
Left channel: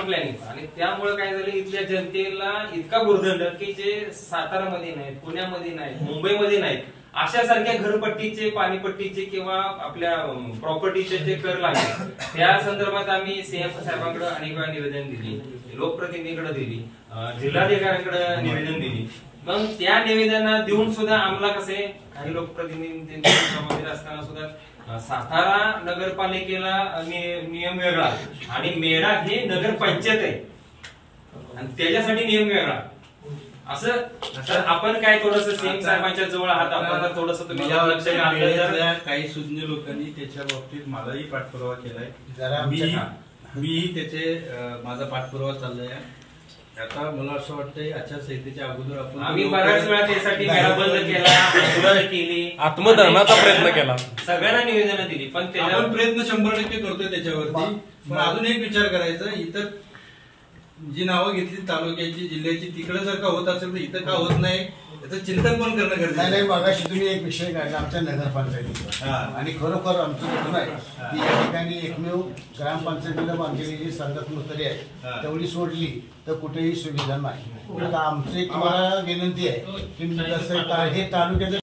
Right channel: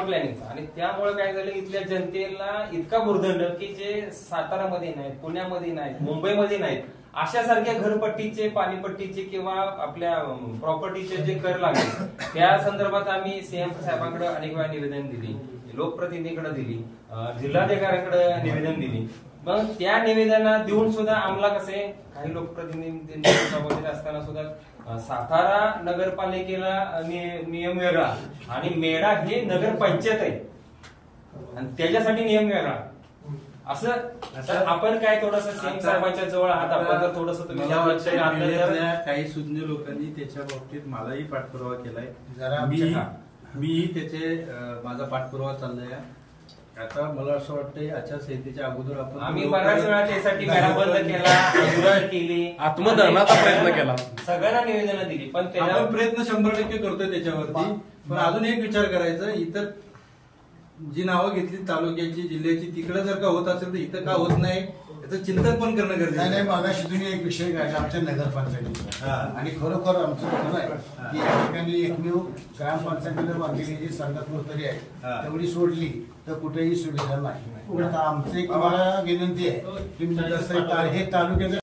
प्लॅनिंगचा. आणि त्यामुळे काय झालं, इथल्या जनतेला इतका भुर्दंड की जे सातारामध्ये नाही, पुण्यामध्ये नाही, मुंबईमध्ये नाही, अशा सारख्या घरपट्टीचे, पाणीपट्टीचे किंवा आपल्या प्रॉपर्टीचे जे कर लागले त्या संदर्भात आम्ही सीएम साहेबांकडे अनेक वेळा निवेदन दिली, लोकप्रतिनिधीकडे दिली, जिल्हाधिकाऱ्यांकडे निवेदन दिली. मग त्या निवेदना देऊन सुद्धा आम्हाला कसे काही लोकप्रतिनिधी असताना सुद्धा सातारा नगरपालिकेला नियम वेगळा आणि मेढा हे नगरपंचायत आहे आणि त्याच्यासाठी नियम वेगळा. असं आपण काय थोडस सीएम साहेबांच्या जवळ आहात, आपण थोडस तुम्ही लक्ष घातलं. काही सुज्ञ लोकांनी त्याच्या बाबतीत मलाही पाठपुरावा केलाय, मी त्याचे माझा पाठपुरावा चाललाय. आता मला असं वाटतंय आचारसंहितेच्या अगोदर आम्ही बऱ्याच वेळा त्यासाठी मेळा बंद केला, आंदोलन केली, आत्मधर्माचा प्रयत्न केला, सगळ्यांना निवेदन दिली, पण आपण प्रयत्न 100% करतोय त्याच्यावरती. पण अजून एक विचार करायचं, इतर जी नावं घेतली तालुक्याची, जिल्ह्याची, तिकडे जर का होत असेल तर इथं का होत नाही याचं चिंतन पण करणं गरजेचं नाही. मागाशी तुम्ही एक विषय काढला आमच्या नगरपंचायतीचा आणि खरोखर आमचं दुखणं आहे की या ठिकाणी एकमेव ग्रामपंचायतीनं बांधलेली जी संगतमूर्तरी आहे तेवढी सोडली तर कुठेही सुविधा नाही. आता आमची एक तुम्हाला विनंती आहे की जसं हे तालुक्याच्या